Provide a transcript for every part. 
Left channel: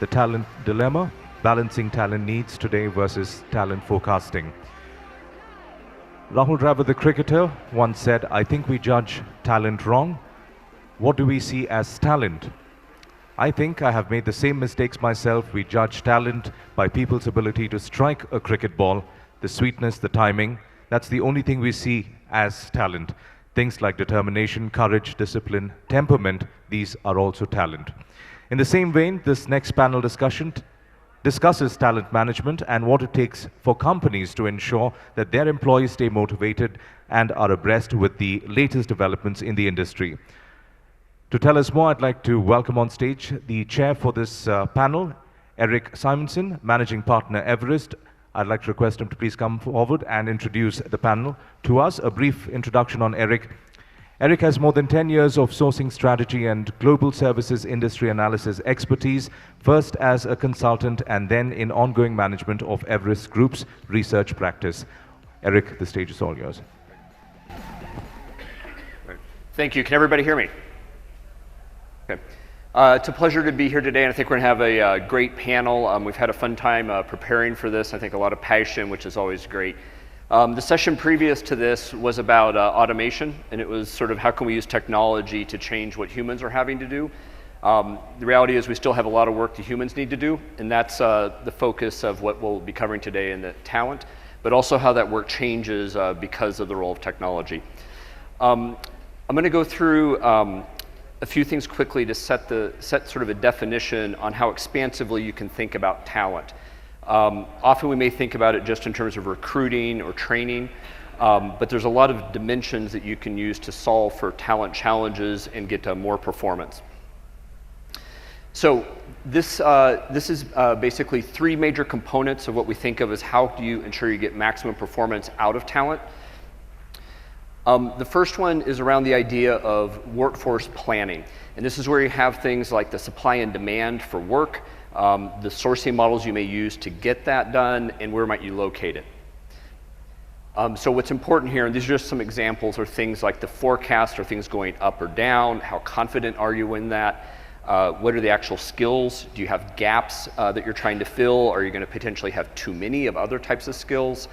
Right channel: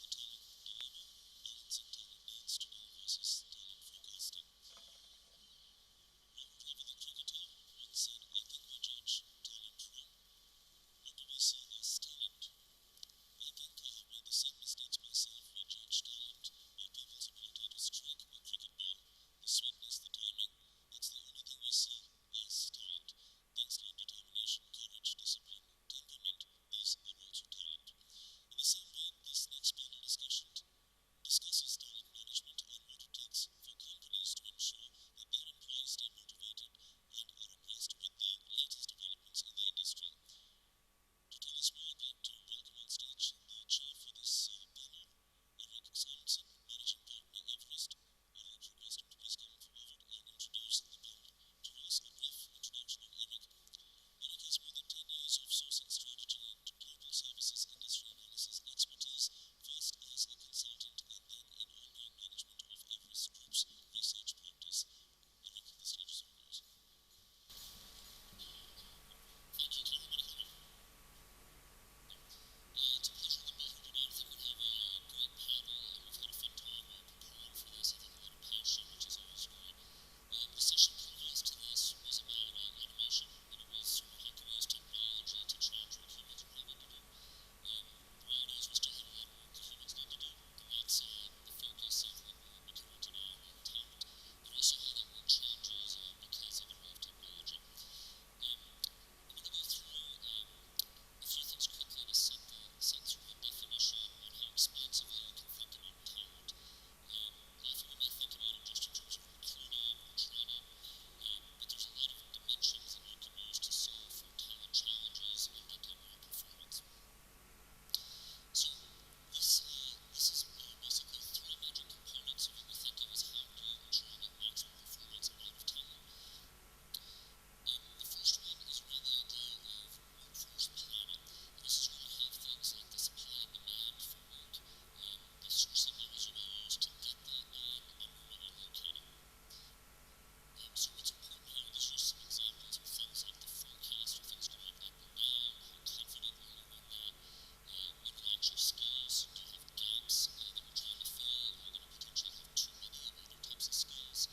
the talent dilemma, balancing talent needs today versus talent forecasting. Rahul Dravid, the cricketer, once said, "I think we judge talent wrong. What do we see as talent?" I think I have made the same mistakes myself. We judge talent by people's ability to strike a cricket ball, the sweetness, the timing. That's the only thing we see as talent. Things like determination, courage, discipline, temperament, these are also talent. In the same vein, this next panel discussion discusses talent management and what it takes for companies to ensure that their employees stay motivated and are abreast with the latest developments in the industry. To tell us more, I'd like to welcome on stage the chair for this panel, Eric Simonson, Managing Partner, Everest. I'd like to request him to please come forward and introduce the panel to us. A brief introduction on Eric. Eric has more than 10 years of sourcing strategy and global services industry analysis expertise, first as a consultant and then in ongoing management of Everest Group's research practice. Eric, the stage is all yours. Thank you. Can everybody hear me? Okay. It's a pleasure to be here today, and I think we're going to have a great panel. We've had a fun time preparing for this. I think a lot of passion, which is always great. The session previous to this was about automation, and it was sort of how can we use technology to change what humans are having to do. The reality is we still have a lot of work that humans need to do, and that's the focus of what we'll be covering today in the talent, but also how that work changes because of the role of technology. I'm going to go through a few things quickly to set sort of a definition on how expansively you can think about talent. Often we may think about it just in terms of recruiting or training, but there's a lot of dimensions that you can use to solve for talent challenges and get to more performance. So this is basically three major components of what we think of as how do you ensure you get maximum performance out of talent. The first one is around the idea of workforce planning. And this is where you have things like the supply and demand for work, the sourcing models you may use to get that done, and where might you locate it. So what's important here, and these are just some examples, are things like the forecast, are things going up or down, how confident are you in that, what are the actual skills, do you have gaps that you're trying to fill, are you going to potentially have too many of other types of skills.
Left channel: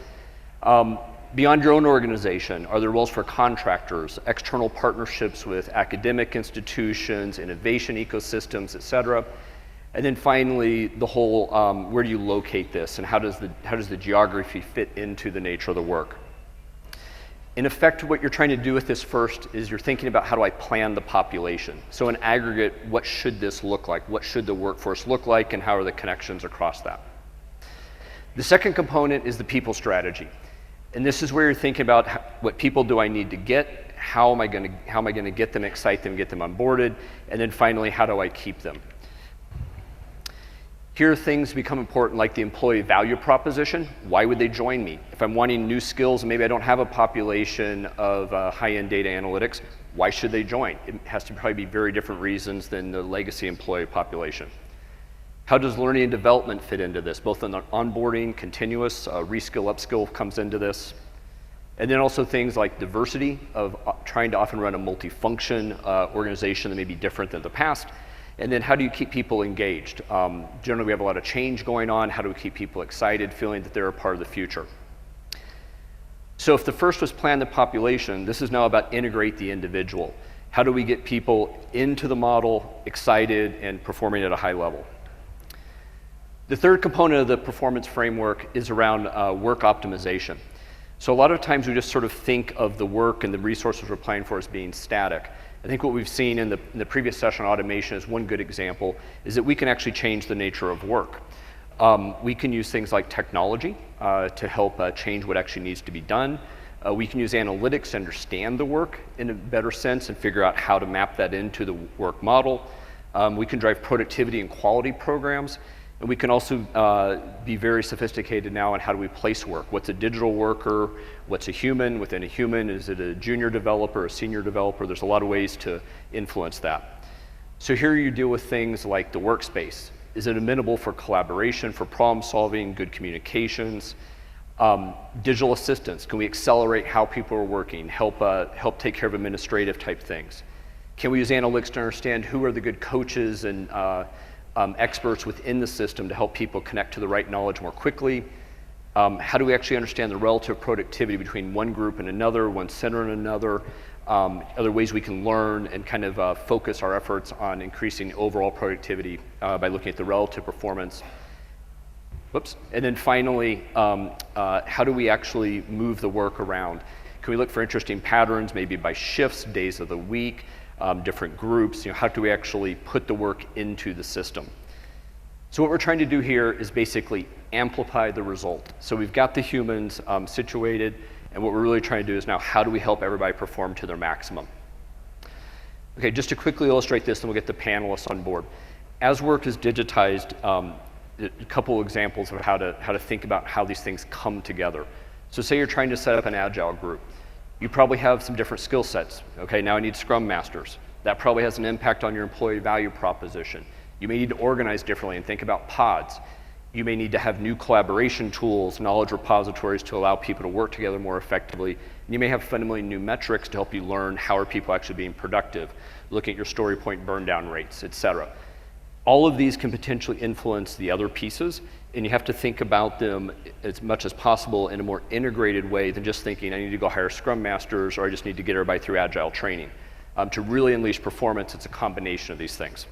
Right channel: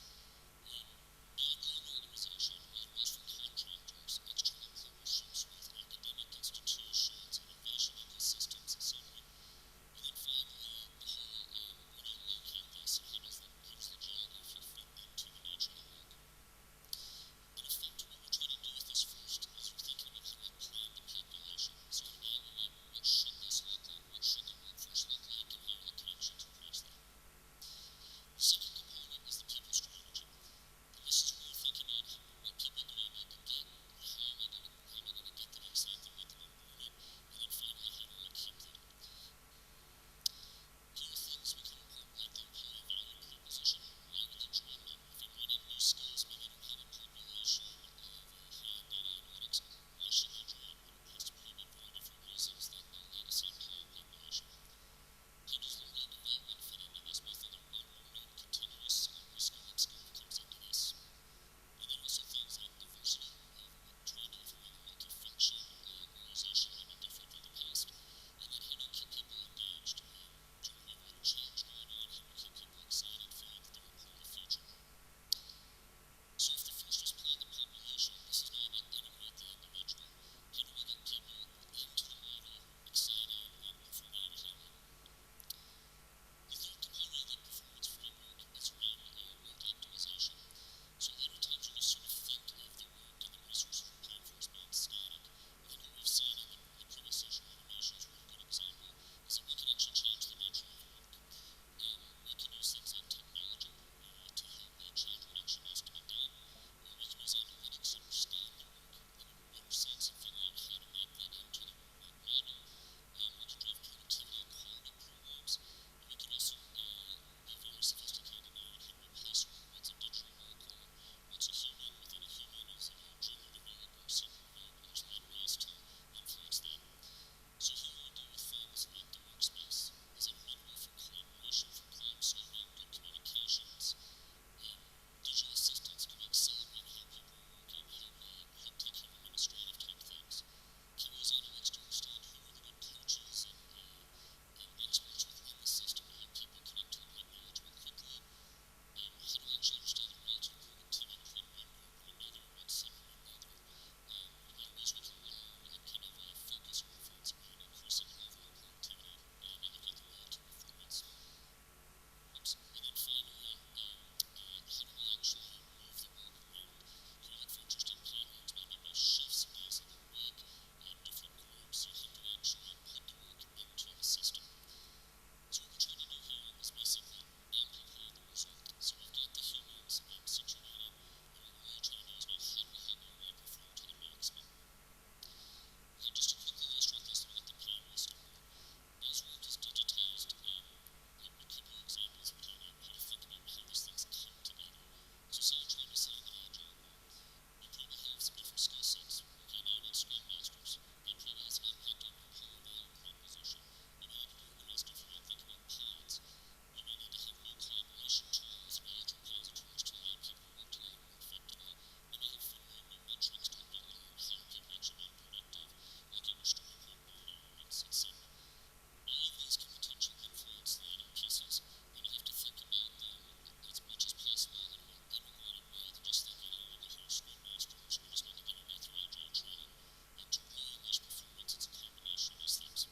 Beyond your own organization, are there roles for contractors, external partnerships with academic institutions, innovation ecosystems, et cetera? And then finally, the whole, where do you locate this, and how does the geography fit into the nature of the work? In effect, what you're trying to do with this first is you're thinking about how do I plan the population. So in aggregate, what should this look like? What should the workforce look like, and how are the connections across that? The second component is the people strategy. And this is where you're thinking about what people do I need to get, how am I going to get them, excite them, get them onboarded, and then finally, how do I keep them? Here things become important like the employee value proposition. Why would they join me? If I'm wanting new skills, maybe I don't have a population of high-end data analytics, why should they join? It has to probably be very different reasons than the legacy employee population. How does learning and development fit into this? Both on the onboarding, continuous, reskill, upskill comes into this. And then also things like diversity of trying to often run a multi-function organization that may be different than the past. And then how do you keep people engaged? Generally we have a lot of change going on. How do we keep people excited, feeling that they're a part of the future? So if the first was plan the population, this is now about integrate the individual. How do we get people into the model, excited, and performing at a high level? The third component of the performance framework is around work optimization. So a lot of times we just sort of think of the work and the resources we're applying for as being static. I think what we've seen in the previous session on automation is one good example, is that we can actually change the nature of work. We can use things like technology to help change what actually needs to be done. We can use analytics to understand the work in a better sense and figure out how to map that into the work model. We can drive productivity and quality programs. And we can also be very sophisticated now on how do we place work. What's a digital worker? What's a human? Within a human, is it a junior developer, a senior developer? There's a lot of ways to influence that. So here you deal with things like the workspace. Is it amenable for collaboration, for problem solving, good communications? Digital assistance, can we accelerate how people are working, help take care of administrative type things? Can we use analytics to understand who are the good coaches and experts within the system to help people connect to the right knowledge more quickly. How do we actually understand the relative productivity between one group and another, one center and another, other ways we can learn and kind of focus our efforts on increasing overall productivity by looking at the relative performance. Whoops. And then finally, how do we actually move the work around? Can we look for interesting patterns, maybe by shifts, days of the week, different groups? How do we actually put the work into the system? So what we're trying to do here is basically amplify the result. So we've got the humans situated, and what we're really trying to do is now how do we help everybody perform to their maximum? Okay, just to quickly illustrate this, and we'll get the panelists on board. As work is digitized, a couple examples of how to think about how these things come together. So say you're trying to set up an agile group. You probably have some different skill sets. Okay, now I need Scrum Masters. That probably has an impact on your employee value proposition. You may need to organize differently and think about pods. You may need to have new collaboration tools, knowledge repositories to allow people to work together more effectively. You may have fundamentally new metrics to help you learn how are people actually being productive, looking at your story point burn down rates, et cetera. All of these can potentially influence the other pieces, and you have to think about them as much as possible in a more integrated way than just thinking, I need to go hire Scrum Masters, or I just need to get everybody through Agile training. To really unleash performance, it's a combination of these things.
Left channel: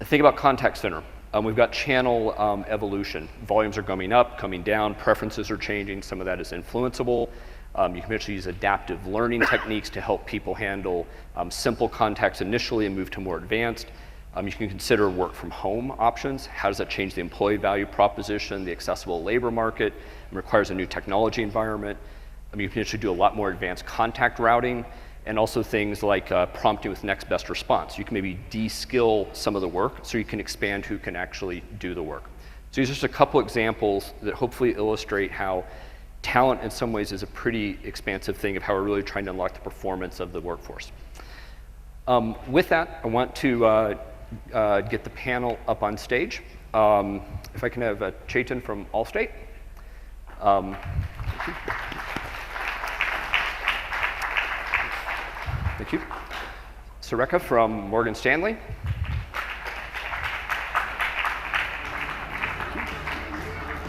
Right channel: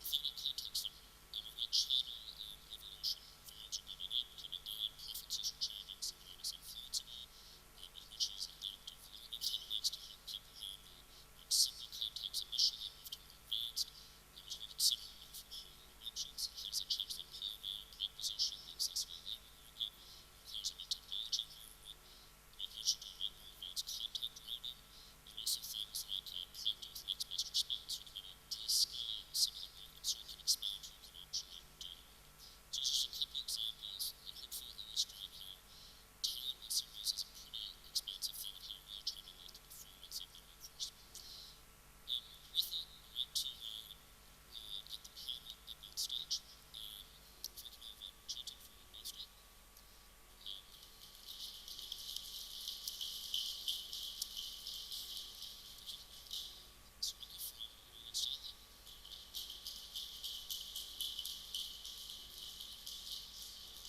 Think about contact center. We've got channel evolution. Volumes are coming up, coming down, preferences are changing, some of that is influenceable. You can actually use adaptive learning techniques to help people handle simple contacts initially and move to more advanced. You can consider work from home options. How does that change the employee value proposition, the accessible labor market? It requires a new technology environment. You can actually do a lot more advanced contact routing, and also things like prompting with next best response. You can maybe de-skill some of the work so you can expand who can actually do the work. So these are just a couple examples that hopefully illustrate how talent in some ways is a pretty expansive thing of how we're really trying to unlock the performance of the workforce. With that, I want to get the panel up on stage. If I can have Chetan from Allstate. Thank you. Surekha from Morgan Stanley.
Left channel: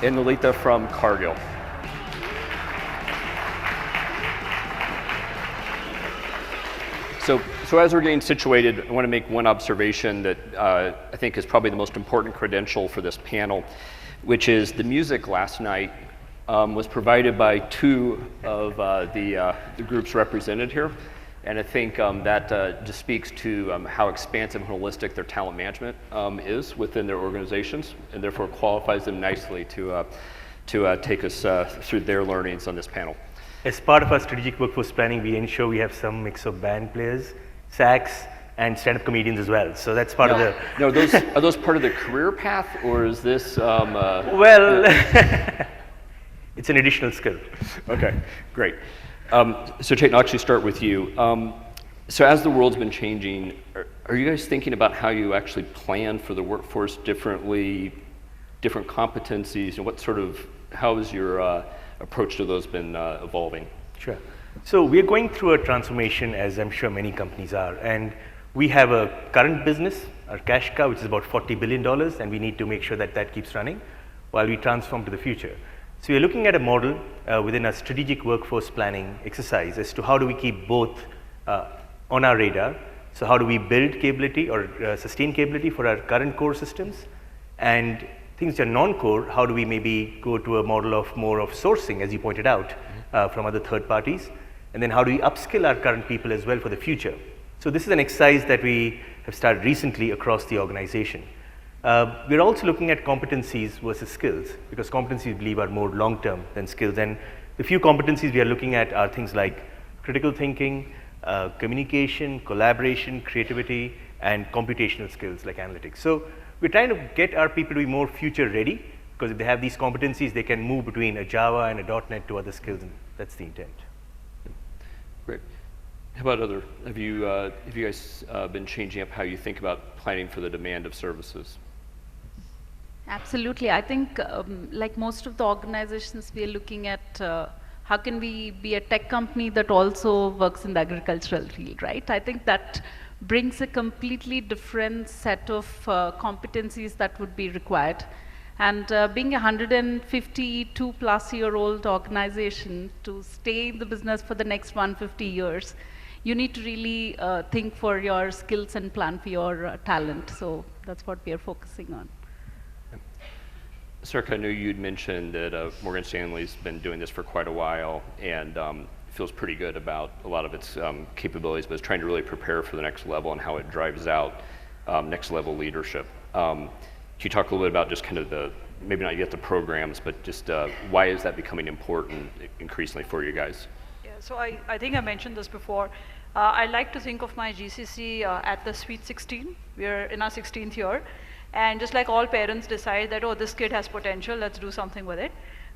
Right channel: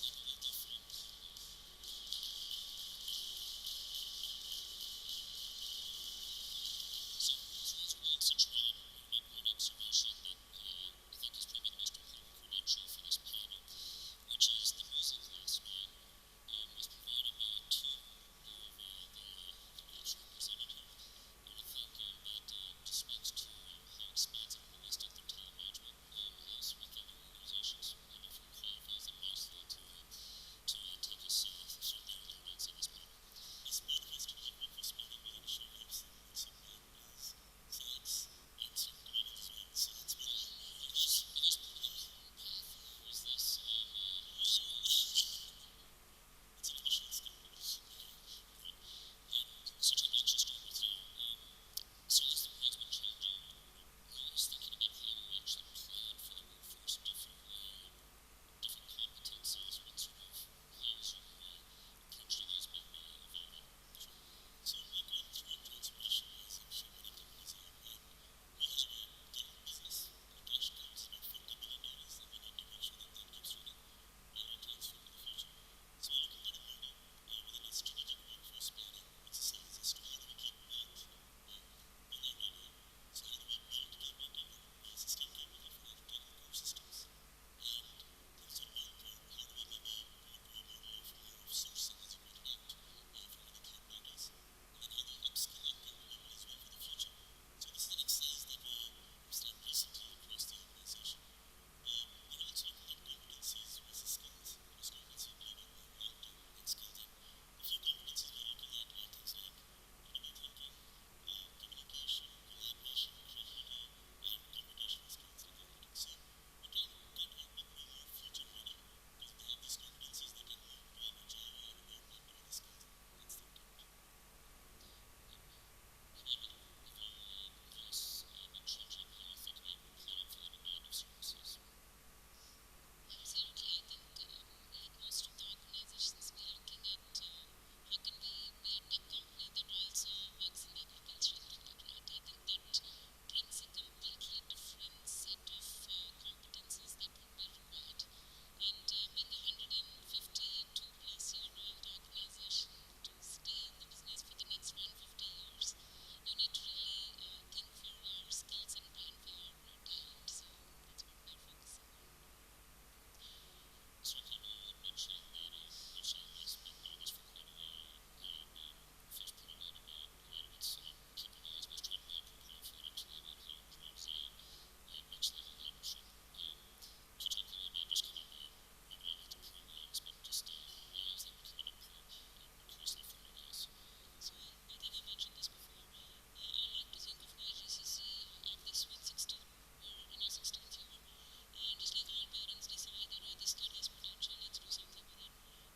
And Lalitha from Cargill. So as we're getting situated, I want to make one observation that I think is probably the most important credential for this panel, which is the music last night was provided by two of the groups represented here. And I think that just speaks to how expansive and holistic their talent management is within their organizations, and therefore qualifies them nicely to take us through their learnings on this panel. As part of our strategic workforce planning, we ensure we have some mix of band players, sax, and stand-up comedians as well. So that's part of the... No, are those part of the career path, or is this... Well, it's an additional skill. Okay, great. So Chetan, I'll actually start with you. So as the world's been changing, are you guys thinking about how you actually plan for the workforce differently, different competencies, and how has your approach to those been evolving? Sure. So we're going through a transformation, as I'm sure many companies are, and we have a current business, our cash cow, which is about $40 billion, and we need to make sure that that keeps running while we transform to the future. So we're looking at a model within a strategic workforce planning exercise as to how do we keep both on our radar. So how do we build capability or sustain capability for our current core systems, and things that are non-core, how do we maybe go to a model of more of sourcing, as you pointed out, from other third parties, and then how do we upskill our current people as well for the future. So this is an exercise that we have started recently across the organization. We're also looking at competencies versus skills, because competencies, we believe, are more long-term than skills. And the few competencies we are looking at are things like critical thinking, communication, collaboration, creativity, and computational skills like analytics. So we're trying to get our people to be more future-ready, because if they have these competencies, they can move between a Java and a .NET to other skills, and that's the intent. Great. How about have you guys been changing up how you think about planning for the demand of services? Absolutely. I think like most of the organizations, we are looking at how can we be a tech company that also works in the agricultural field, right? I think that brings a completely different set of competencies that would be required. And being a 152-plus-year-old organization, to stay in the business for the next 150 years, you need to really think for your skills and plan for your talent. So that's what we are focusing on. Surekha, I know you'd mentioned that Morgan Stanley's been doing this for quite a while and feels pretty good about a lot of its capabilities, but is trying to really prepare for the next level and how it drives out next level leadership. Can you talk a little bit about just kind of the, maybe not yet the programs, but just why is that becoming important increasingly for you guys? Yeah, so I think I mentioned this before. I like to think of my GCC at the Sweet 16. We're in our 16th year. And just like all parents decide that, oh, this kid has potential, let's do something with it,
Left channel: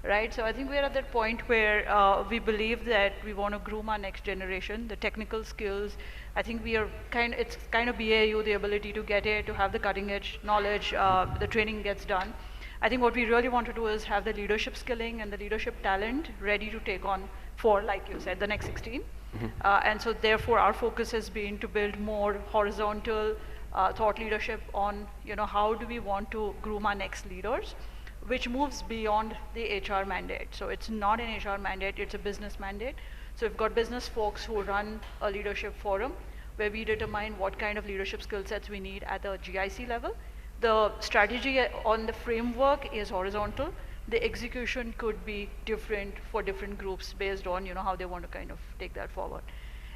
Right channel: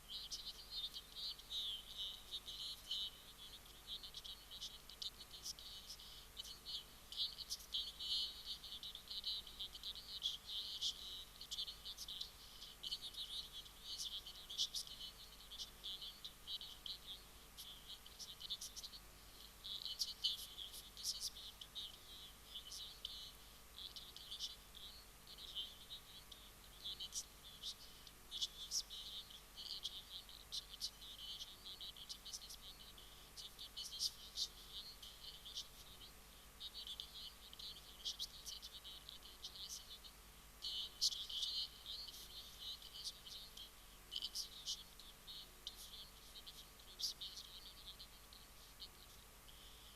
right? So I think we're at that point where we believe that we want to groom our next generation, the technical skills. I think we are it's kind of BAU, the ability to get it, to have the cutting edge knowledge, the training gets done. I think what we really want to do is have the leadership skilling and the leadership talent ready to take on for, like you said, the next 16. And so therefore our focus has been to build more horizontal thought leadership on, how do we want to groom our next leaders, which moves beyond the HR mandate. So it's not an HR mandate, it's a business mandate. So we've got business folks who run a leadership forum where we determine what kind of leadership skill sets we need at the GIC level. The strategy on the framework is horizontal. The execution could be different for different groups based on, how they want to kind of take that forward.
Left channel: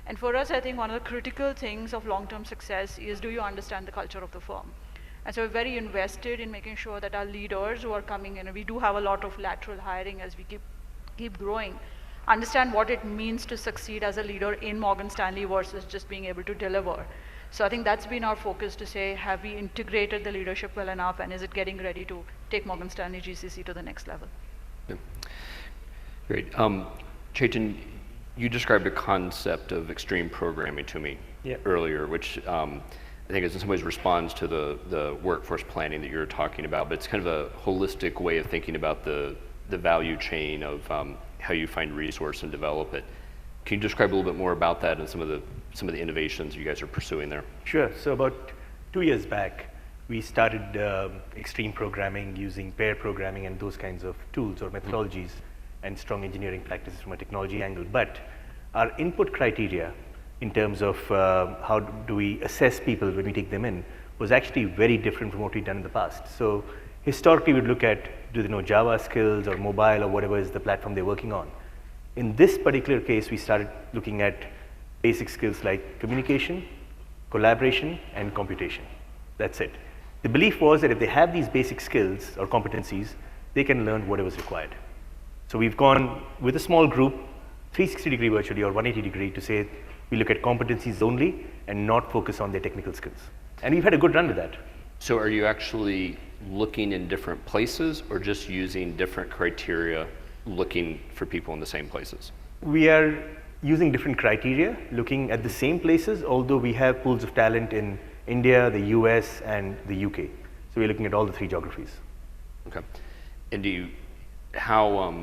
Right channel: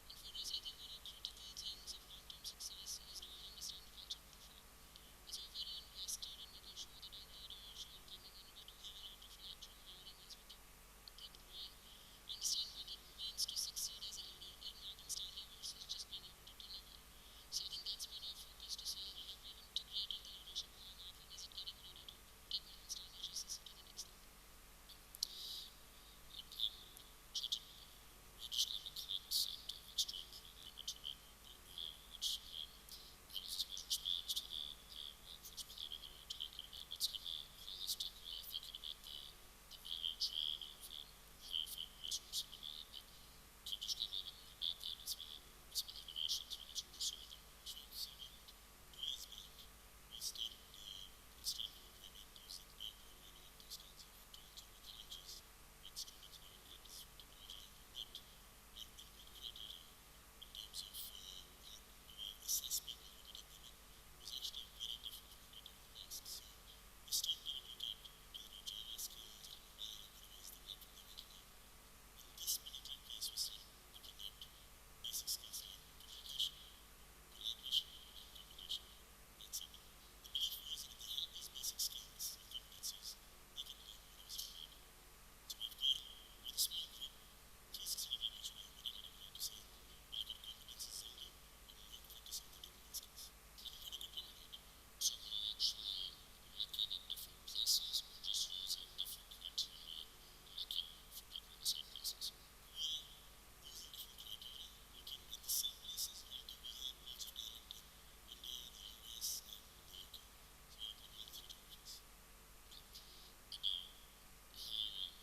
And for us, I think one of the critical things of long-term success is, do you understand the culture of the firm? And so we're very invested in making sure that our leaders who are coming in, and we do have a lot of lateral hiring as we keep growing, understand what it means to succeed as a leader in Morgan Stanley versus just being able to deliver. So I think that's been our focus, to say, have we integrated the leadership well enough, and is it getting ready to take Morgan Stanley GCC to the next level? Yeah. Great. Chetan, you described a concept of extreme programming to me earlier, which I think in some ways responds to the workforce planning that you're talking about, but it's kind of a holistic way of thinking about the value chain of how you find resource and develop it. Can you describe a little bit more about that and some of the innovations you guys are pursuing there? Sure. So about 2 years back, we started extreme programming using pair programming and those kinds of tools or methodologies and strong engineering practices from a technology angle. But our input criteria in terms of how do we assess people when we take them in was actually very different from what we'd done in the past. So historically, we'd look at, do they know Java skills or mobile or whatever is the platform they're working on. In this particular case, we started looking at basic skills like communication, collaboration, and computation. That's it. The belief was that if they have these basic skills or competencies, they can learn whatever is required. So we've gone with a small group, 360-degree virtually or 180-degree, to say we look at competencies only and not focus on their technical skills. And we've had a good run with that. So are you actually looking in different places or just using different criteria looking for people in the same places? We are using different criteria, looking at the same places, although we have pools of talent in India, the US, and the UK. So we're looking at all the 3 geographies. Okay. And how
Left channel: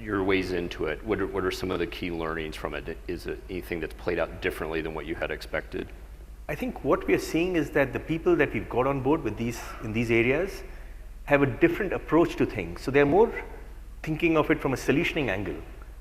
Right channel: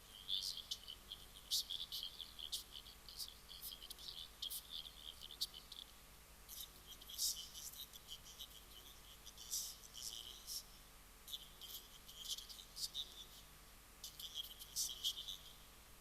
your ways into it, what are some of the key learnings from it? Is it anything that's played out differently than what you had expected? I think what we are seeing is that the people that we've got on board with in these areas have a different approach to things. So they're more thinking of it from a solutioning angle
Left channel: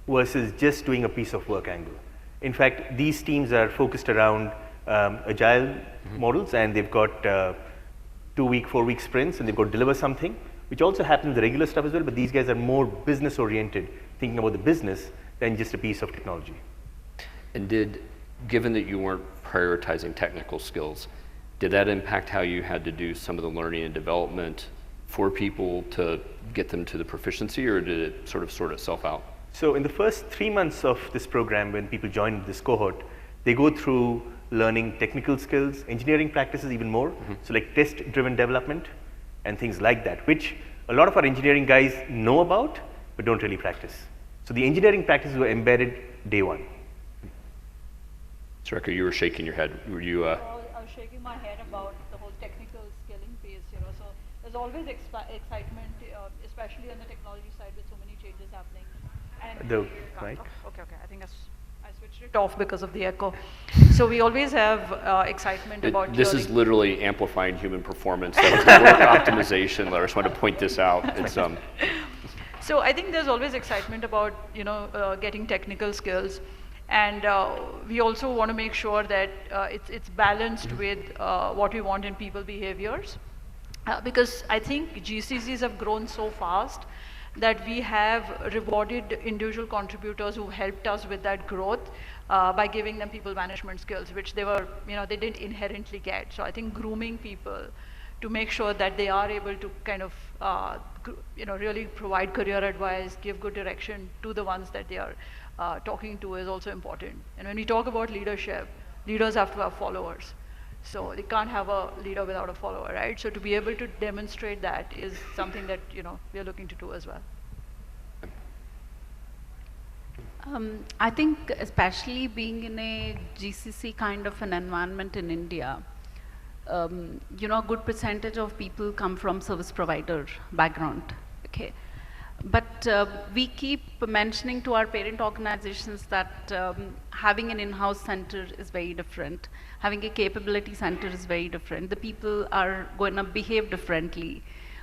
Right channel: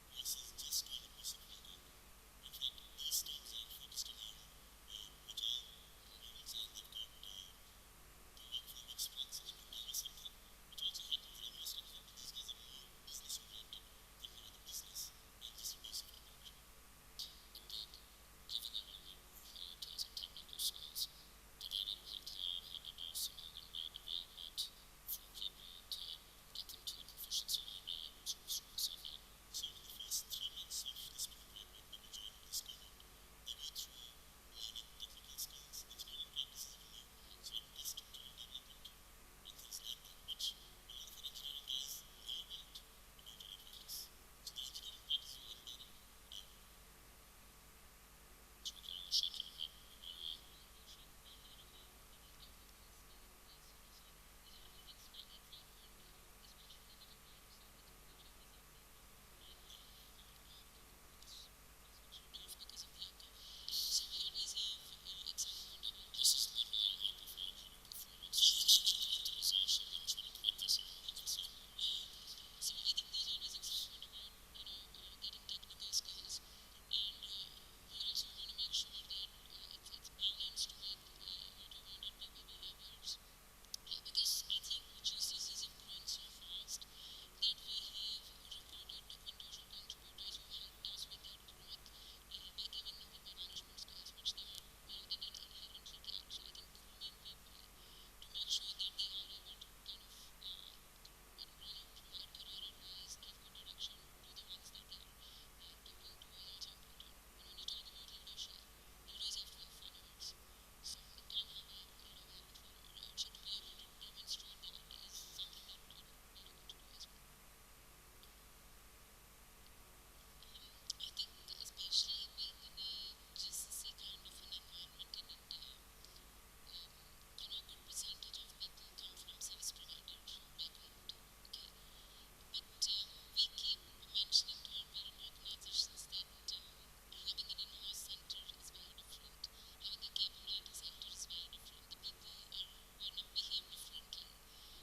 versus just doing a piece of work angle. In fact, these teams are focused around agile models, and they've got 2-week, 4-week sprints, and they've got to deliver something, which also happens in the regular stuff as well, but these guys are more business oriented, thinking about the business than just a piece of technology. And given that you weren't prioritizing technical skills, did that impact how you had to do some of the learning and development for people to get them to the proficiency, or did it sort itself out? So in the first 3 months of this program, when people join this cohort, they go through learning technical skills, engineering practices even more, so like test-driven development and things like that, which a lot of our engineering guys know about, but don't really practice. So the engineering practices were embedded day one. Surekha, you were shaking your head. Were you? I was shaking my head about the whole technical skilling piece, So there's always excitement, especially on the technology side, with so many changes happening. And Right? okay. I think I switched it off because of the echo. So we always have excitement about This is hearing. literally amplifying human performance. That was the work optimization. I just want to point this out. It's So I think there's always excitement about getting technical skills, and we also want to make sure that it's balanced with what we want in people behaviors, because I think GCCs have grown so fast that we have rewarded individual contributors who helped us with that growth by giving them people management skills, which they didn't inherently get. So I think grooming people to make sure that they are able to kind of really provide career advice, give good direction to the ones that they are talking to is also important. And when we talk about leadership, leaders have to have followers. So they can't have a leader without a follower, right? So to be able to demonstrate that is something that we are looking to do as well. I think especially being in a GCC kind of an environment in India, a good percentage of people come from service provider background, okay? But we keep mentioning to our parent organizations that having an in-house center is very different. Having a capability center is very different. The people are going to behave differently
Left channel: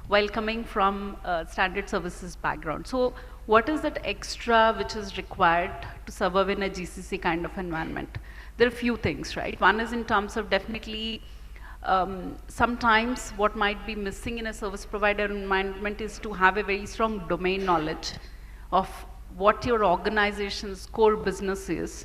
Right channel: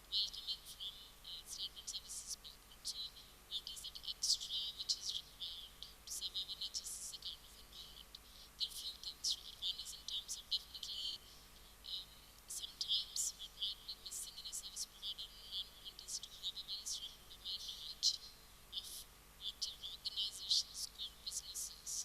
while coming from standard services background. So what is that extra which is required to survive in a GCC kind of environment? There are a few things, right? One is in terms of definitely sometimes what might be missing in a service provider environment is to have a very strong domain knowledge of what your organization's core business is.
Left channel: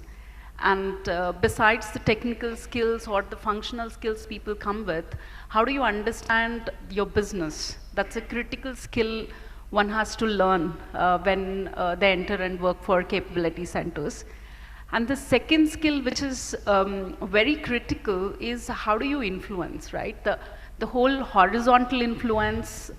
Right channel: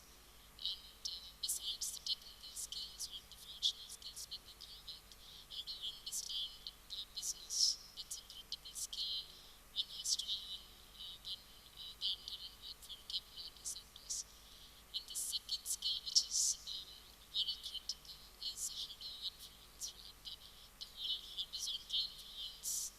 And besides the technical skills or the functional skills people come with, how do you understand your business? That's a critical skill one has to learn when they enter and work for capability centers. And the second skill, which is very critical, is how do you influence, right? The whole horizontal influence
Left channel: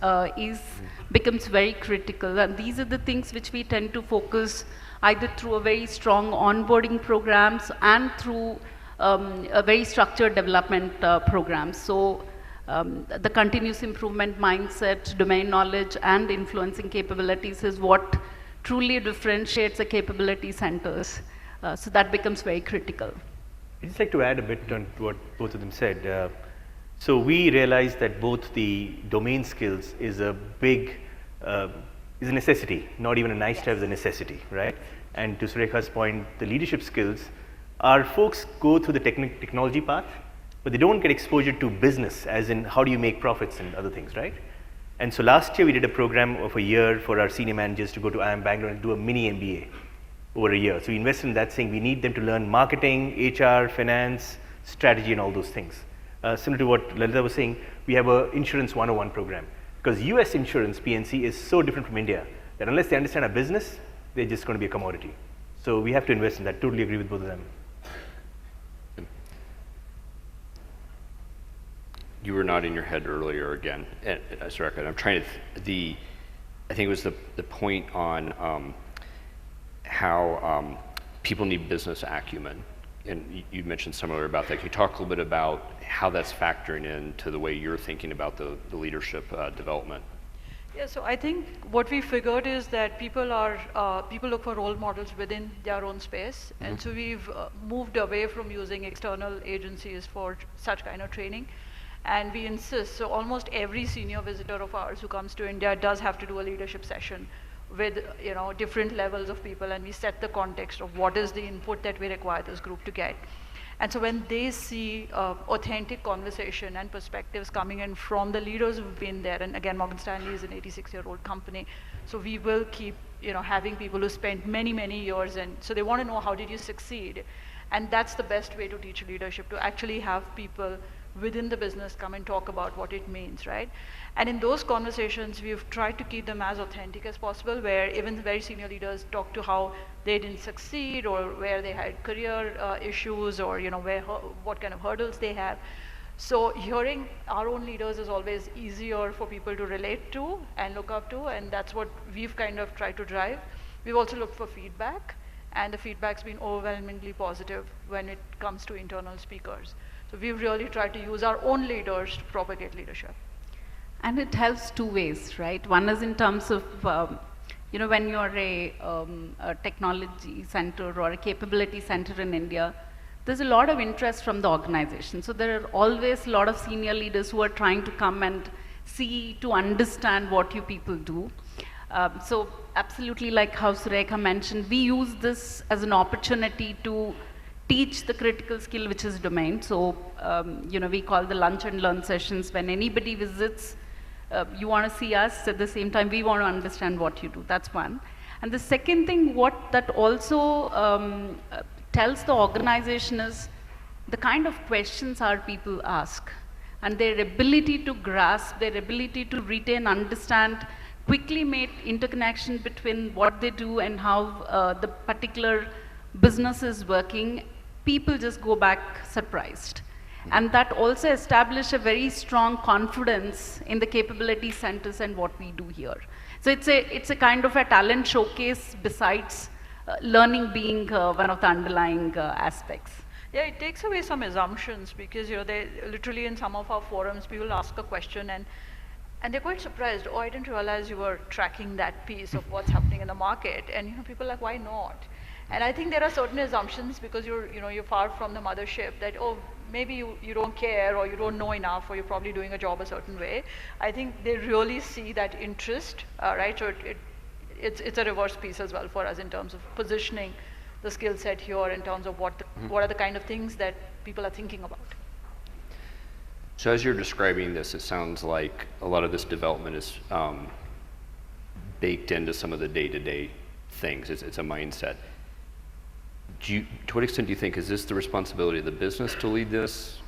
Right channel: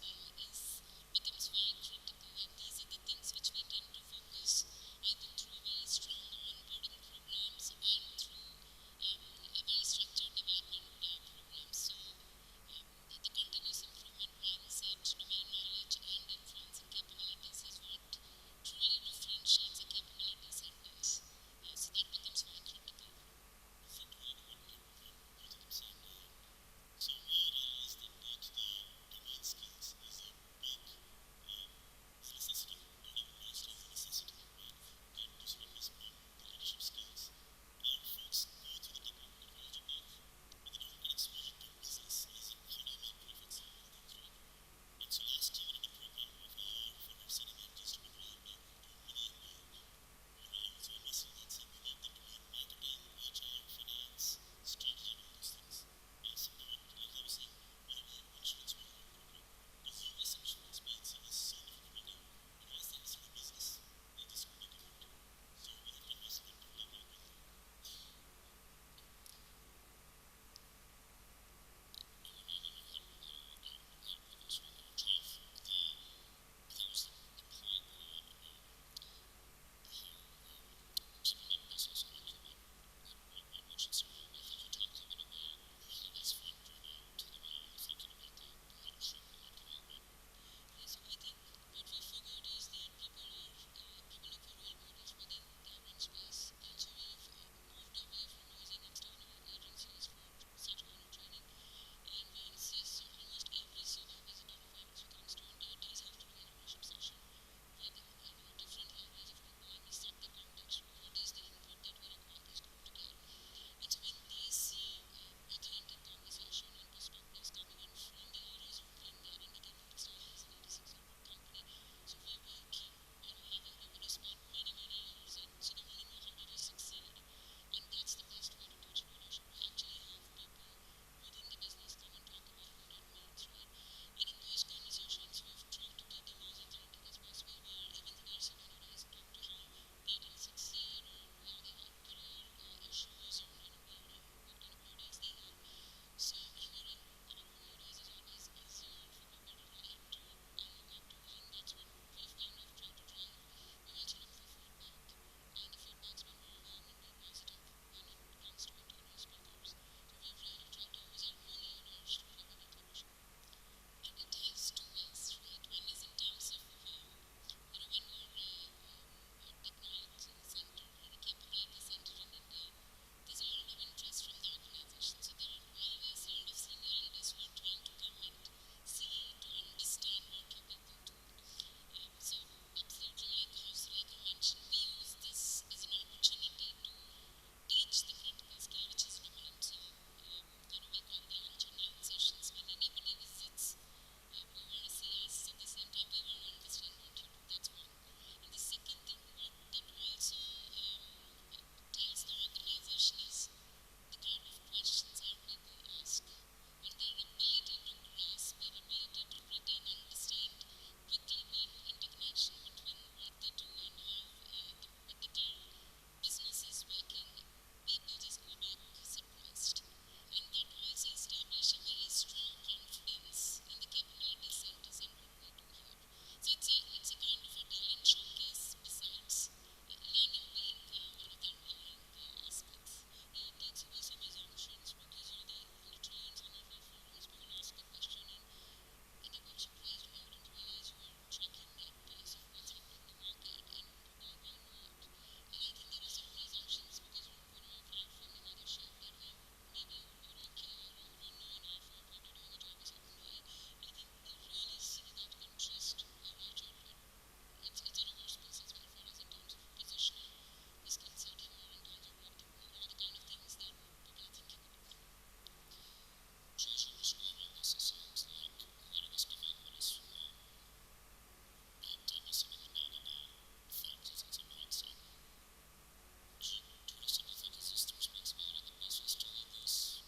becomes very critical. And these are the things which we tend to focus either through a very strong onboarding programs and through a very structured development programs. So the continuous improvement mindset, domain knowledge, and influencing capabilities is what truly differentiates the capability centers. So that becomes very critical. I'd just like to add a bit on what both of them said. So we realized that both the domain skills is a necessity, not even a nice to have, is a necessity, right? And to Surekha's point, the leadership skills, our folks go through the technology path, but they don't get exposure to business, as in how do you make profits and other things, right? And so last year we did a program of a year for our senior managers to go to IIM Bangalore and do a mini MBA over a year. So we invested in that, saying we need them to learn marketing, HR, finance, strategy, and all those things. Similar to what Lalitha was saying, we have a Insurance 101 program. Because US insurance, PNC, is so different from India that unless they understand our business, they're just going to be a commodity. So we have to invest in that. Totally agree with both of them. You were nodding your head earlier again, Surekha, and I'm trying to, I think it was the point on how people need business acumen, and you mentioned similar about that. Can you talk a little bit about how that's factoring into the way you're thinking about the leadership development? Yeah, so I think what we figured is that people look for role models within their own space, and so we've moved away from using external agencies for such kind of training. And we insist, so almost every senior visitor of ours who comes to India does have to do a leadership session with different levels of people, and we set the context of what is the input that we require this group to get. And so when they see authentic conversation and perspectives coming in from the leaders who've been there, and again, Morgan Stanley is an 86-year-old company, so we will keep having people who spent many, many years, and so they want to know how did you succeed. And that's the best way to teach leadership, to actually have people within the business come and talk about what it means, right? And in those conversations, we've tried to keep them as authentic as possible, where even the very senior leaders talk to how they didn't succeed, or where they had career issues, or what kind of hurdles they have. So hearing our own leaders is always easier for people to relate to and look up to, and that's what we've kind of tried to drive. We've also looked for feedback, and the feedback's been overwhelmingly positive when it comes to internal speakers. So we've really tried to use our own leaders to propagate leadership. And it helps two ways, right? One is in terms of, you know, when you're a technology center or a capability center in India, there's a lot of interest from the organization. So there are always a lot of senior leaders who are trying to come and see, to understand what you people do. So absolutely, like how Surekha mentioned, we use this as an opportunity to teach the critical skill, which is domain. So, you know, we call the lunch and learn sessions. When anybody visits, you want to see us, at the same time, we want to understand what you do. That's one. And the second thing, what that also tells the organization is the kind of questions our people ask, and their ability to grasp, their ability to retain, understand, quickly make interconnection between what they do and how the particular business is working. People just go back surprised. And that also establishes a very strong confidence in the capability centers and what we do here. So it's a kind of a talent showcase besides learning being one of the underlying aspects. Yeah, it takes away some assumptions because, you know, they literally in some of our forums, people ask a question and they're quite surprised. Oh, I didn't realize you were tracking that piece of what's happening in the market. And, you know, people are like, why not? And I think there are certain assumptions because you're far from the mothership that, oh, maybe you don't care or you don't know enough or you're probably doing a job a certain way. I think they really see that interest, right? So it's a reverse piece as well for us in terms of positioning the skill set here in terms of what are the kind of things that people are thinking about. So as you're describing this, it sounds like a lot of this development is baked into some of the day-to-day things. It's a mindset. To what extent do you think, is this the responsibility of the business to lead this?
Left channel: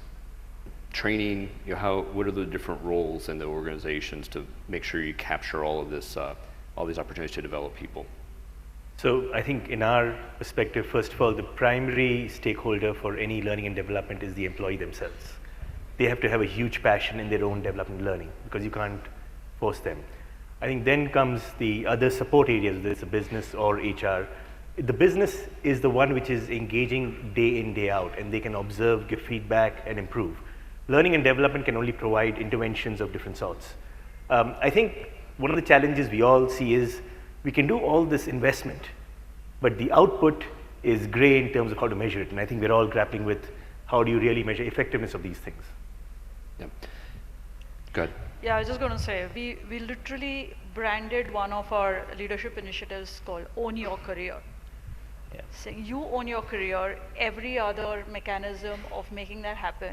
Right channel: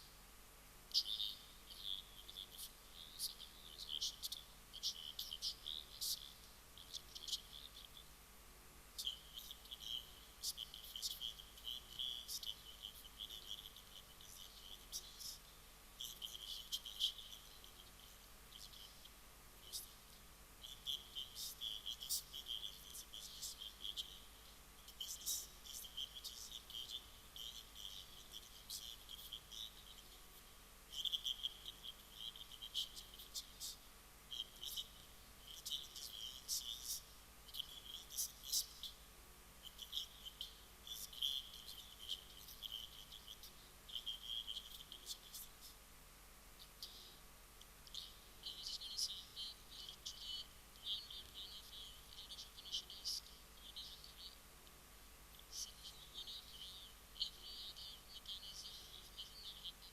Training, you know, what are the different roles in the organizations to make sure you capture all of this, all these opportunities to develop people? So I think in our perspective, first of all, the primary stakeholder for any learning and development is the employee themselves. They have to have a huge passion in their own development and learning because you can't force them. I think then comes the other support areas, whether it's a business or HR. The business is the one which is engaging day in, day out, and they can observe, give feedback, and improve. Learning and development can only provide interventions of different sorts. I think one of the challenges we all see is we can do all this investment, but the output is gray in terms of how to measure it, and I think we're all grappling with how do you really measure effectiveness of these things. Yeah. Good. Yeah, I was just going to say, we literally branded one of our leadership initiatives called Own Your Career. Yeah. Saying you own your career, every other mechanism of making that happen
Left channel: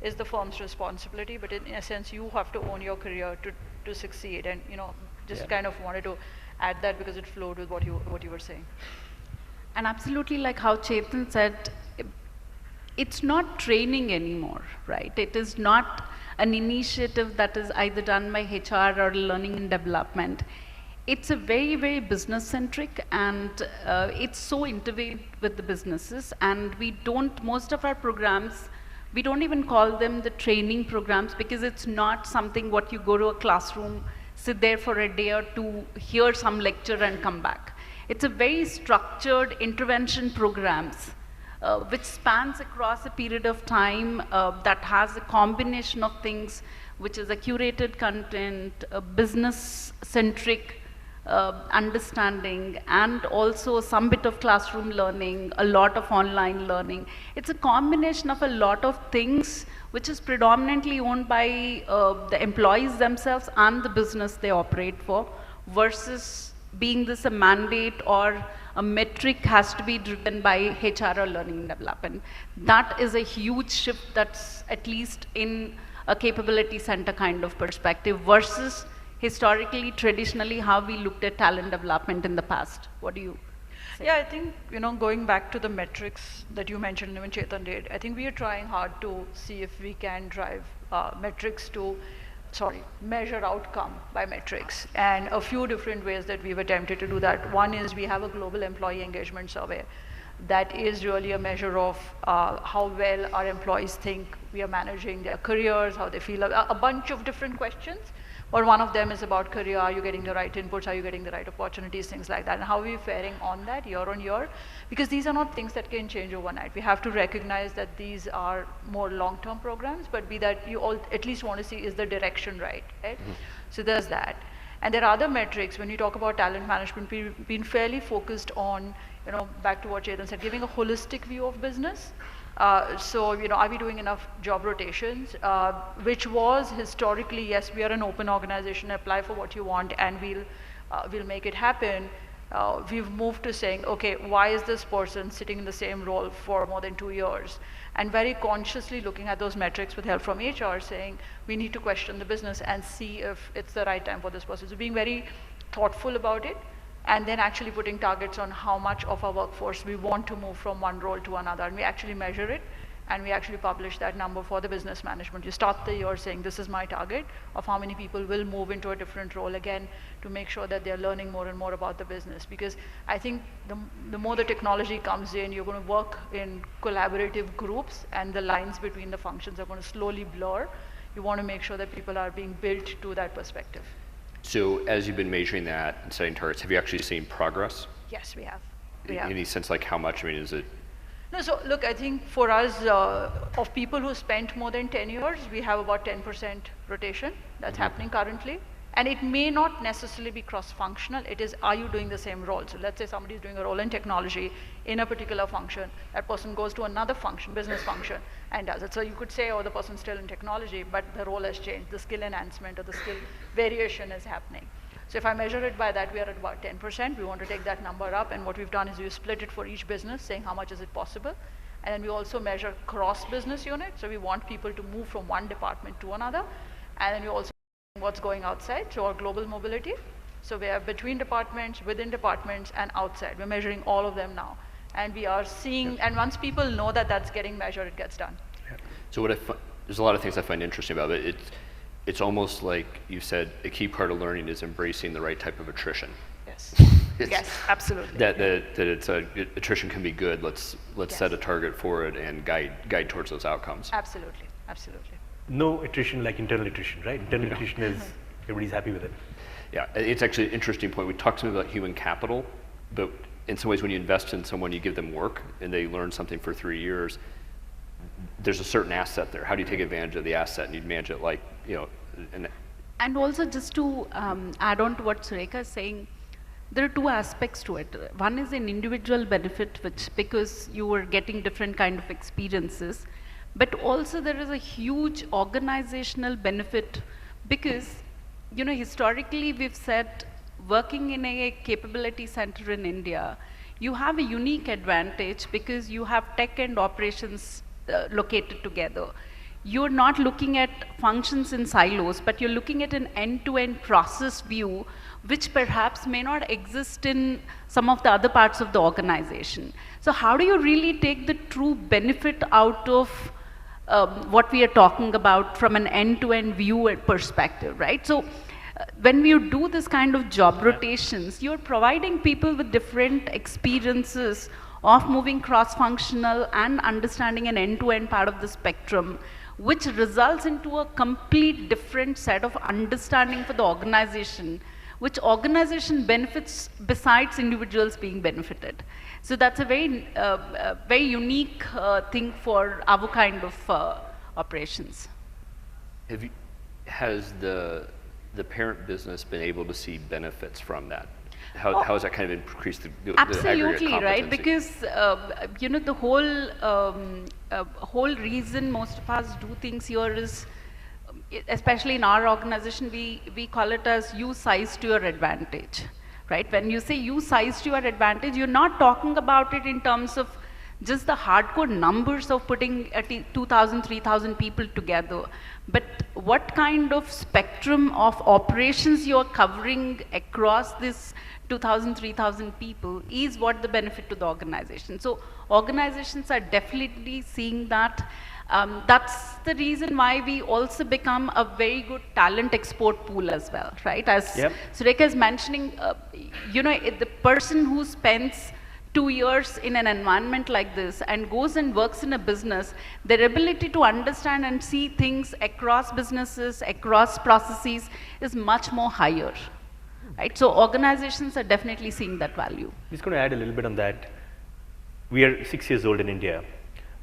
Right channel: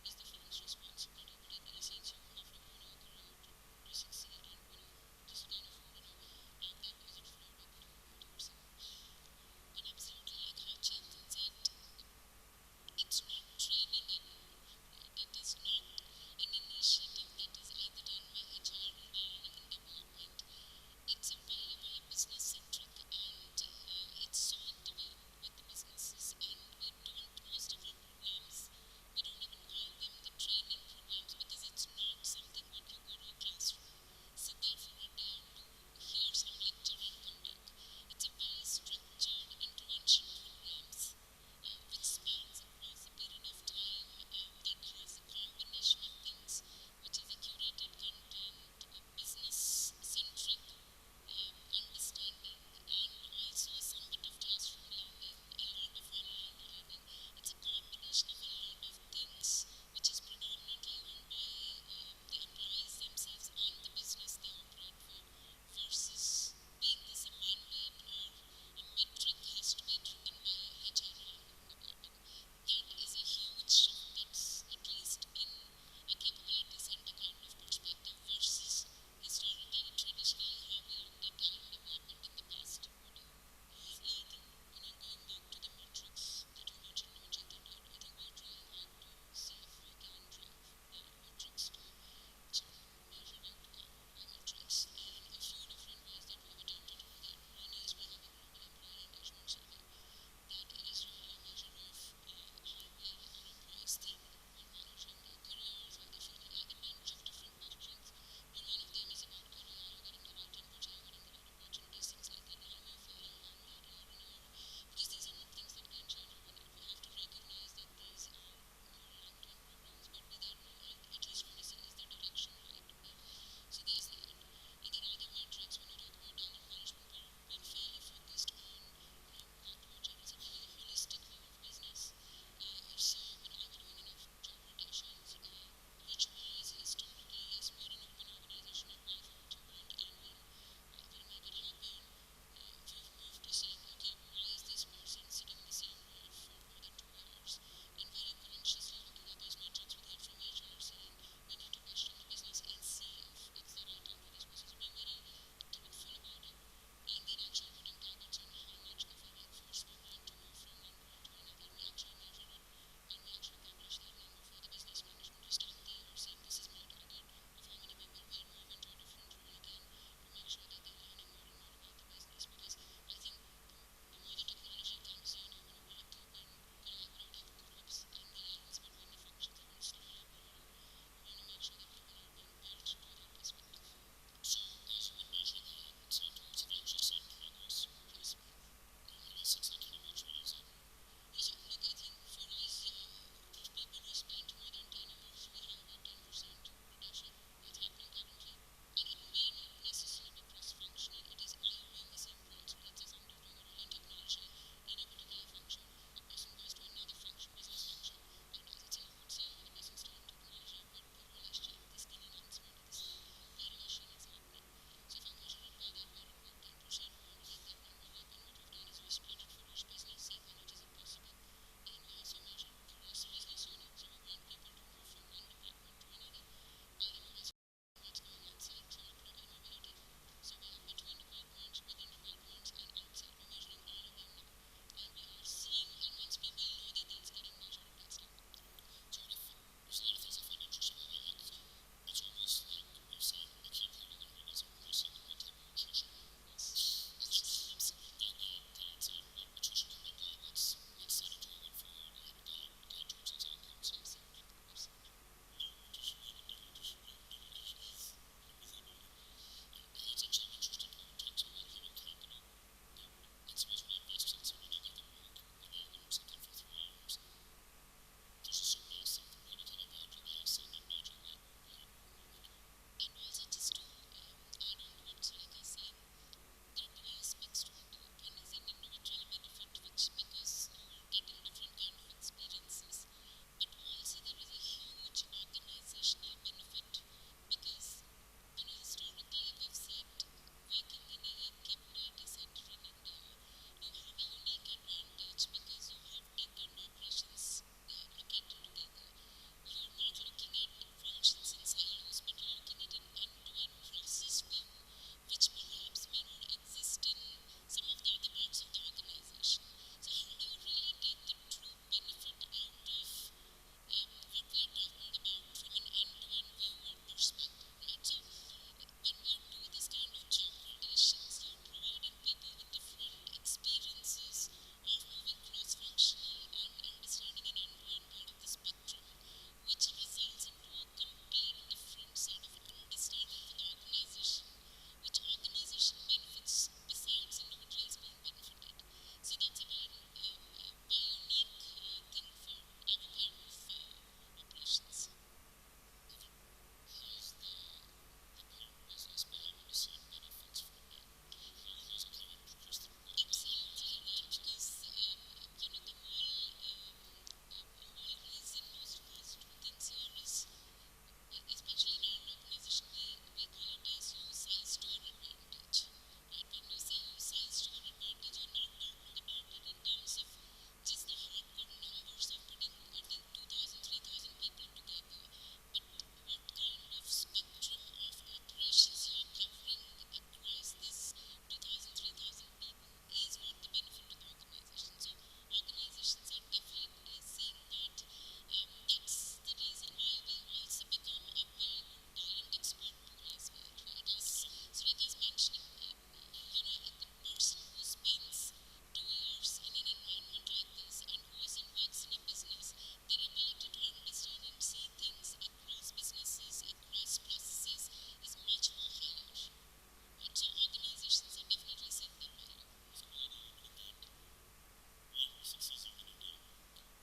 is the firm's responsibility, but in a sense you have to own your career to succeed. And, you know, just kind of wanted to add that because it flowed with what you were saying. And absolutely, like how Chetan said, it's not training anymore, right? It is not an initiative that is either done by HR or learning and development. It's a very, very business centric, and it's so intertwined with the businesses. And most of our programs, we don't even call them the training programs because it's not something what you go to a classroom, sit there for a day or two, hear some lecture and come back. It's a very structured intervention programs which spans across a period of time that has a combination of things, which is a curated content, a business-centric understanding, and also some bit of classroom learning, a lot of online learning. It's a combination of a lot of things which is predominantly owned by the employees themselves and the business they operate for, versus being this a mandate or a metric has to be driven by HR or learning and development. That is a huge shift that's at least in a capability center kind of perspective versus historically, traditionally, how we looked at talent development in the past. What do you say? Yeah, I think, you know, going back to the metrics that you mentioned, even Chetan did, I think we are trying hard to see if we can drive metrics to, measure outcome by metrics. And a few different ways that we've attempted to do that. One is we have a global employee engagement survey that is really a measure of how well our employees think we are managing their careers, how they feel, a bunch of different questions. But one of them is about career, are you getting the right inputs, are you getting the right opportunities, things like that, and how are we faring on that year on year? Because these are not things that can change overnight. We have to recognize that these are more long-term programs, but be that you all at least want to see is the direction right? Mm-hmm. So there's that. And there are other metrics. When you talk about talent management, we've been fairly focused on, back to what Chetan said, giving a holistic view of business. So, are we doing enough job rotations? Which was historically, yes, we are an open organization, apply for what you want and we'll make it happen. We've moved to saying, okay, why is this person sitting in the same role for more than 2 years? And very consciously looking at those metrics with help from HR, saying we need to question the business and see if it's the right time for this person. So being very thoughtful about it, and then actually putting targets on how much of our workforce we want to move from one role to another. And we actually measure it, and we actually publish that number for the business management. You start the year saying, this is my target of how many people will move into a different role, again, to make sure that they're learning more and more about the business. Because I think the more the technology comes in, you're going to work in collaborative groups, and the lines between the functions are going to slowly blur. You want to make sure that people are being built to that perspective. So as you've been measuring that and setting targets, have you actually seen progress? Yes, we have. Any sense like how much? I mean, is it? No, so look, I think for us, of people who spent more than 10 years, we have about 10% rotation that's happening currently. And it may not necessarily be cross-functional. It is, are you doing the same role? So let's say somebody's doing a role in technology in a particular function. That person goes to another function, business function, and does it. So you could say, oh, the person's still in technology, but the role has changed. The skill enhancement or the skill variation is happening. So if I measure it by that, we are at about 10%. We want to take that number up, and what we've done is we split it for each business, saying how much is it possible. And then we also measure cross-business unit. So we want people to move from one department to another. And then we also what's going outside, so our global mobility. So we are between departments, within departments, and outside. We're measuring all of them now. And we are seeing, and once people know that that's getting measured, it gets done. So there's a lot of things I find interesting about it. It's almost like you said, a key part of learning is embracing the right type of attrition. Yes. Yes, absolutely. That it's attrition can be good. Let's set a target for it and guide towards those outcomes. Absolutely, absolutely. No attrition like internal attrition, right? Internal attrition is, everybody's happy with it. Yeah, it's actually an interesting point. We talked to them about human capital, but in some ways when you invest in someone, you give them work and they learn something for 3 years, there's a certain asset there. How do you take advantage of the asset and you manage it like, And also just to add on to what Surekha is saying, there are two aspects to it. One is an individual benefit, which because you are getting different kind of experiences, but also there is a huge organizational benefit because, historically we've said working in a capability center in India, you have a unique advantage because you have tech and operations located together. You're not looking at functions in silos, but you're looking at an end-to-end process view, which perhaps may not exist in some of the other parts of the organization. So how do you really take the true benefit out of what we are talking about from an end-to-end view and perspective, right? So when you do this kind of job rotations, you're providing people with different experiences of moving cross-functional and understanding an end-to-end part of the spectrum, which results into a complete different set of understanding for the organization, which organization benefits besides individuals being benefited. So that's a very, very unique thing for our kind of operations. Has the parent business been able to see benefits from that? How has that kind of increased the absolutely, aggregate right? competency? Because the whole reason most of us do things here is, especially in our organization, we call it as use size to your advantage, right? When you say use size to your advantage, you're not talking about it in terms of just the hardcore numbers of putting 2,000, 3,000 people together, but what kind of spectrum of operations you're covering across this 2,000, 3,000 people is what the benefit to the organization. So organizations are definitely seeing that. That's the reason why we also become a very good talent export pool as well, right? As Surekha is mentioning, the person who spends 2 years in an environment like this and goes and works in a business, their ability to understand and see things across businesses, across processes is much more higher, right? So organizations are definitely seeing that value. I'm just going to add a little bit on that. We are 6 years old in India.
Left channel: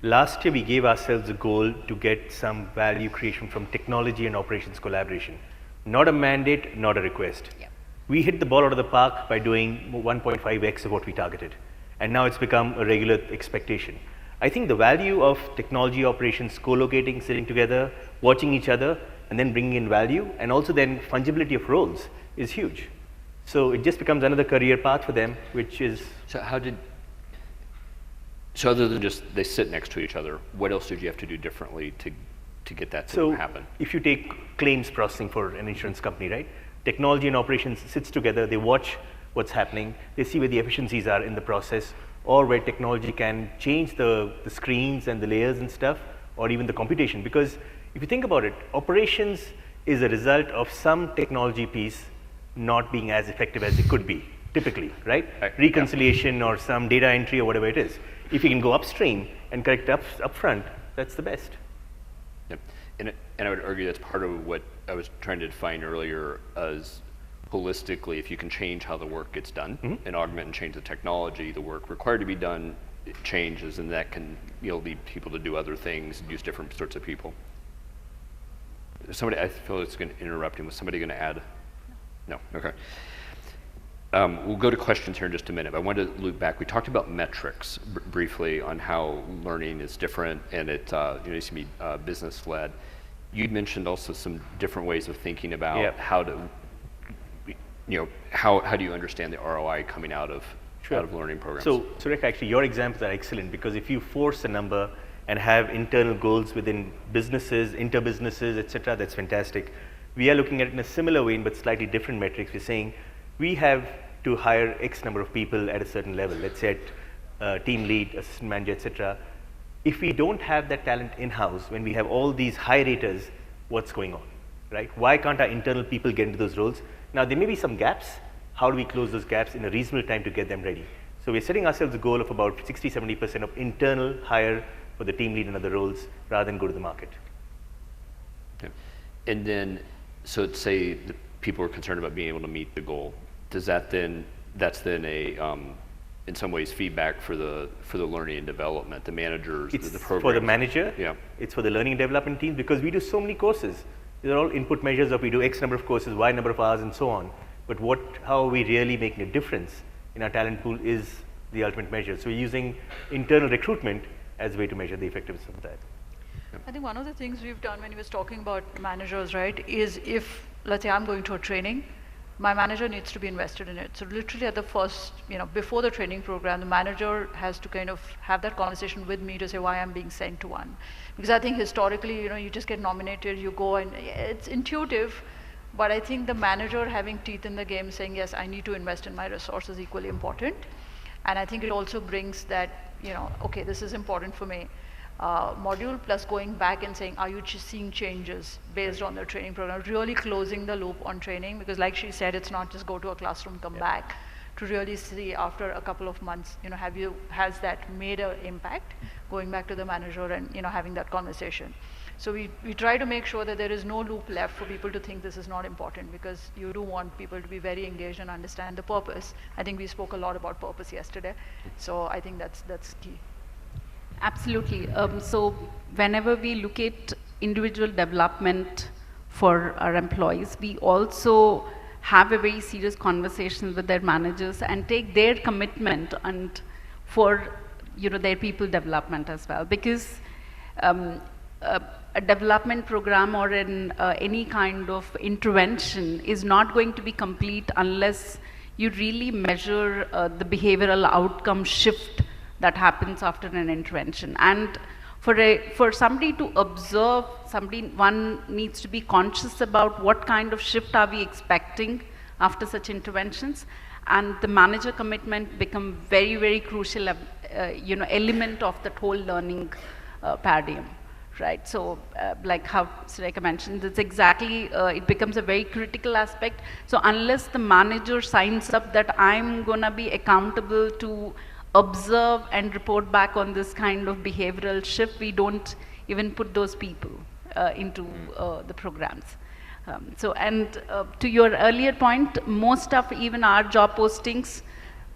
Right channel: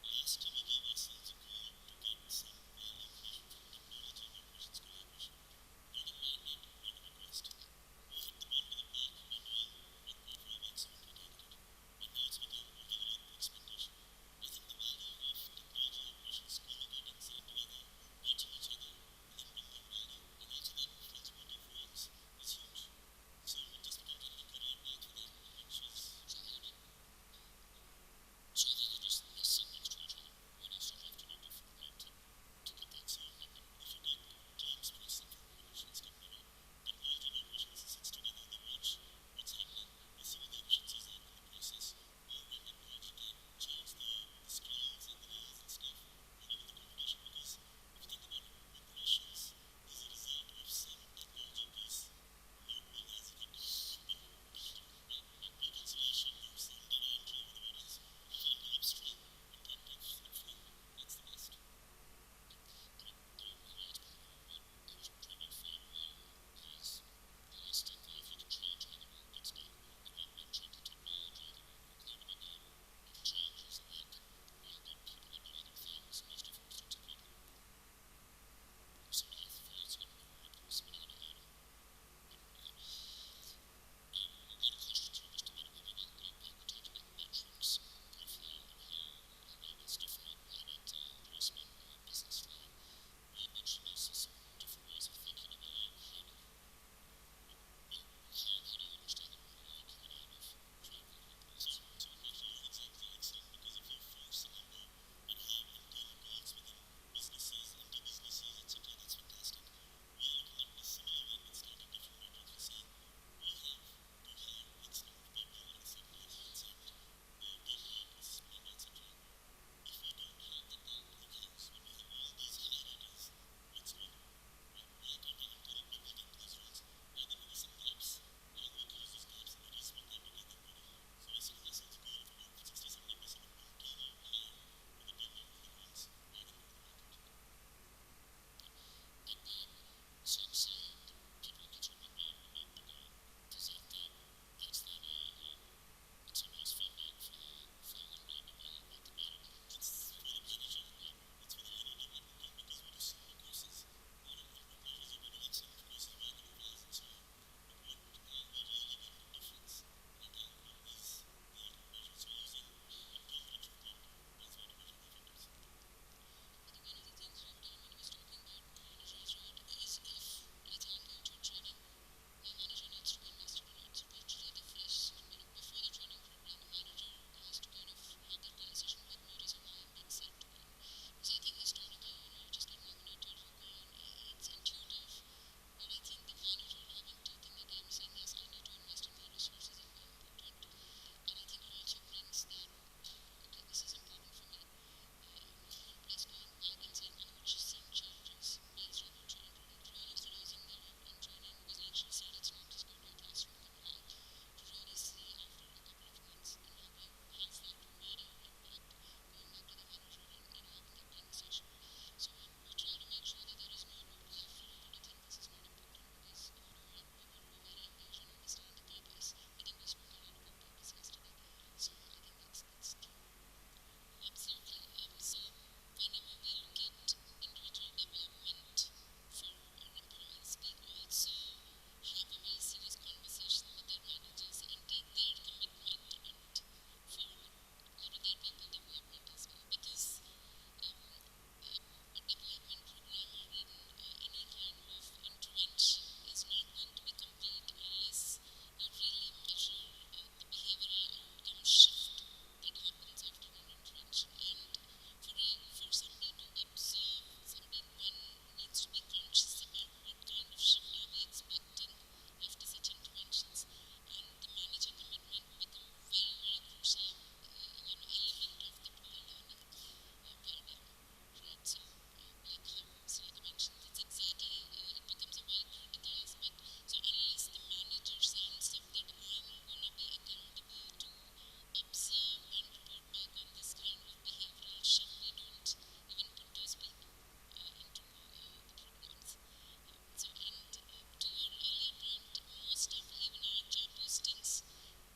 Last year, we gave ourselves a goal to get some value creation from technology and operations collaboration. Not a mandate, not a request. We hit the ball out of the park by doing 1.5x of what we targeted. And now it's become a regular expectation. I think the value of technology operations co-locating, sitting together, watching each other, and then bringing in value, and also then fungibility of roles is huge. So it just becomes another career path for them, which is... So other than just they sit next to each other, what else did you have to do differently to get that to happen? If you take claims processing for an insurance company, right? Technology and operations sits together, they watch what's happening, they see where the efficiencies are in the process, or where technology can change the screens and the layers and stuff, or even the computation. Because if you think about it, operations is a result of some technology piece not being as effective as it could be, typically, right? Reconciliation or some data entry or whatever it is. If you can go upstream and correct up front, that's the best. Yep. And I would argue that's part of what I was trying to define earlier as holistically, if you can change how the work gets done and augment and change the technology, the work required to be done it changes, and that can lead people to do other things and use different sorts of people. Somebody, I feel it's going to interrupt him. Was somebody going to add? No, okay. We'll go to questions here in just a minute. But I wanted to loop back. We talked about metrics briefly on how learning is different, and it needs to be business-led. You'd mentioned also some different ways of thinking about how to, how do you understand the ROI coming out of learning programs? So, Surekha, actually, your examples are excellent, because if you force a number and have internal goals within businesses, inter-businesses, et cetera, that's fantastic. We are looking at it in a similar way, but slightly different metrics. We're saying we have to hire X number of people at a certain level, let's say at team lead, assistant manager, et cetera. If we don't have that talent in-house, when we have all these high raters, what's going on, right? Why can't our internal people get into those roles? Now, there may be some gaps. How do we close those gaps in a reasonable time to get them ready? So we're setting ourselves a goal of about 60-70% of internal hire for the team lead and other roles, rather than go to the market. Okay. And then, so let's say the people are concerned about being able to meet the goal. Does that then, that's then a, in some ways, feedback for the learning and development, the managers, it's the programs? For the manager, yeah. It's for the learning and development team, because we do so many courses. These are all input measures of we do X number of courses, Y number of hours, and so on. But how are we really making a difference in our talent pool is the ultimate measure. So we're using internal recruitment as a way to measure the effectiveness of that. I think one of the things we've done when he was talking about managers, right, is if, let's say I'm going to a training, my manager needs to be invested in it. So literally at the first, before the training program, the manager has to kind of have that conversation with me to say why I'm being sent to one. Because I think historically, you just get nominated, you go, and it's intuitive, but I think the manager having teeth in the game, saying, yes, I need to invest in my resources, is equally important. And I think it also brings that, okay, this is important for me. Module plus going back and saying, are you seeing changes based on the training program? Really closing the loop on training, because like she said, it's not just go to a classroom, come back, to really see after a couple of months, has that made an impact? Going back to the manager and having that conversation. So we try to make sure that there is no loop left for people to think this is not important, because you do want people to be very engaged and understand the purpose. I think we spoke a lot about purpose yesterday, so I think that's key. Absolutely. So whenever we look at individual development for our employees, we also have a very serious conversation with their managers and take their commitment and for their people development as well. Because a development program or any kind of intervention is not going to be complete unless you really measure the behavioral outcome shift that happens after an intervention. And for somebody to observe, one needs to be conscious about what kind of shift are we expecting after such interventions, and the manager commitment become very, very crucial element of that whole learning paradigm. Right, so like how Surekha mentioned, it's exactly, it becomes a very critical aspect. So unless the manager signs up that I'm gonna be accountable to observe and report back on this kind of behavioral shift, we don't even put those people into the programs. To your earlier point, most of even our job postings,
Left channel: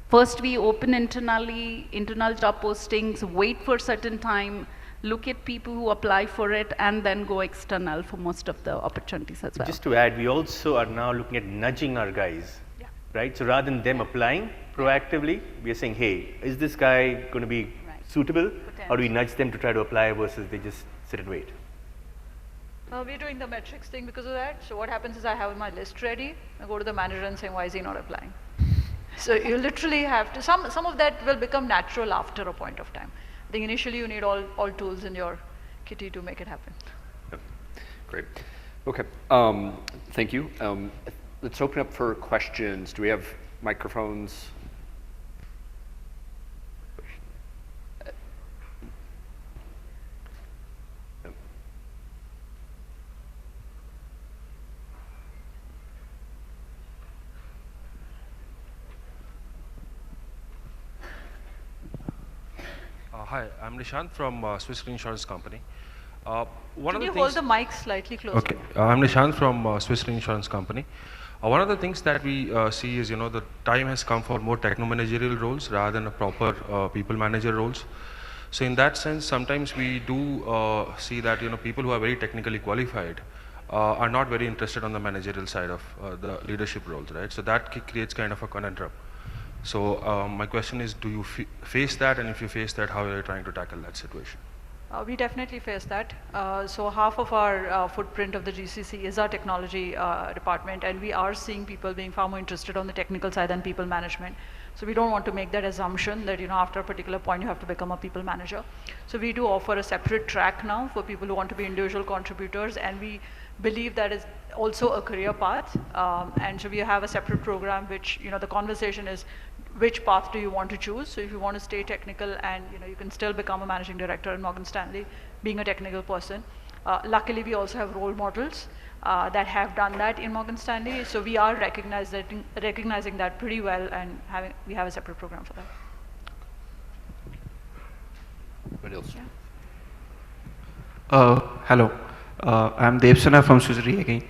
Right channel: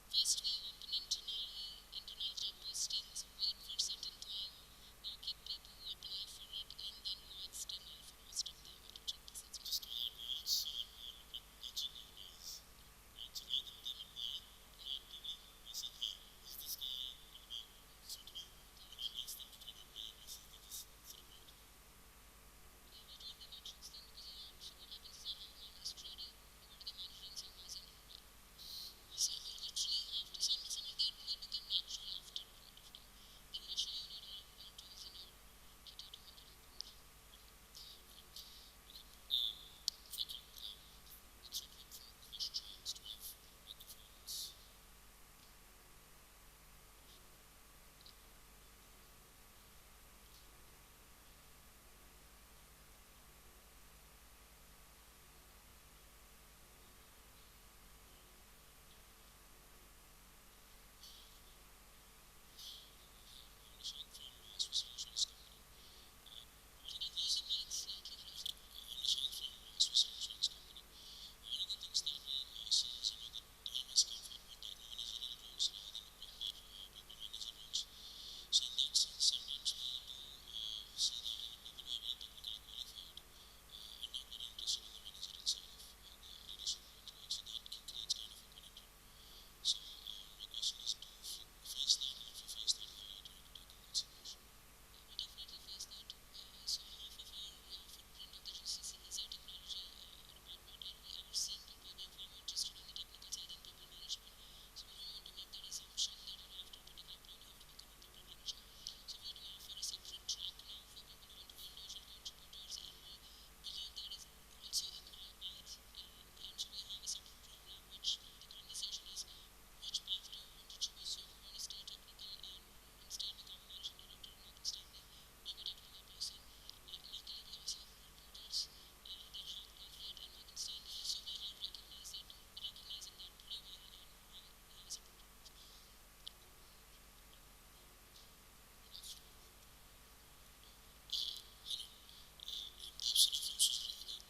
first we open internal job postings, wait for a certain time, look at people who apply for it, and then go external for most of the opportunities as well. Just to add, we also are now looking at nudging our guys right? So rather than them applying proactively, we are saying, hey, is this guy going to be suitable? Or do we nudge them to try to apply versus they just sit and wait? We're doing the metrics thing because of that. So what happens is I have my list ready. I go to the manager and say, why is he not applying? So you literally have to, some of that will become natural after a point of time. I think initially you need all tools in your kitty to make it happen. Yep. Great. Okay. Thank you. Let's open up for questions. Do we have microphones? Hi, I'm Nishant from Swiss Re Insurance Company. Can you hold the mic slightly closer? Okay, I'm Nishant from Swiss Re Insurance Company. One of the things that we see is, the time has come for more techno-managerial roles rather than a proper people manager roles. So in that sense, sometimes we do see that, people who are very technically qualified are not very interested on the managerial side of the leadership roles, right? So that creates kind of a conundrum. So my question is, do you face that, and if you face that, how are you trying to tackle that situation? We definitely face that. So half of our footprint of the GCC is our technology department, and we are seeing people being far more interested on the technical side than people management. So we don't want to make that assumption that after a particular point you have to become a people manager. So we do offer a separate track now for people who want to be individual contributors, and we believe that is also a career path. And so we have a separate program which, the conversation is, which path do you want to choose? So if you want to stay technical and you can still become a managing director in Morgan Stanley, being a technical person. Luckily, we also have role models that have done that in Morgan Stanley. So we are recognizing that pretty well, and we have a separate program for that. What else? Yeah. Hello, I'm Devsana from Swiss Re again.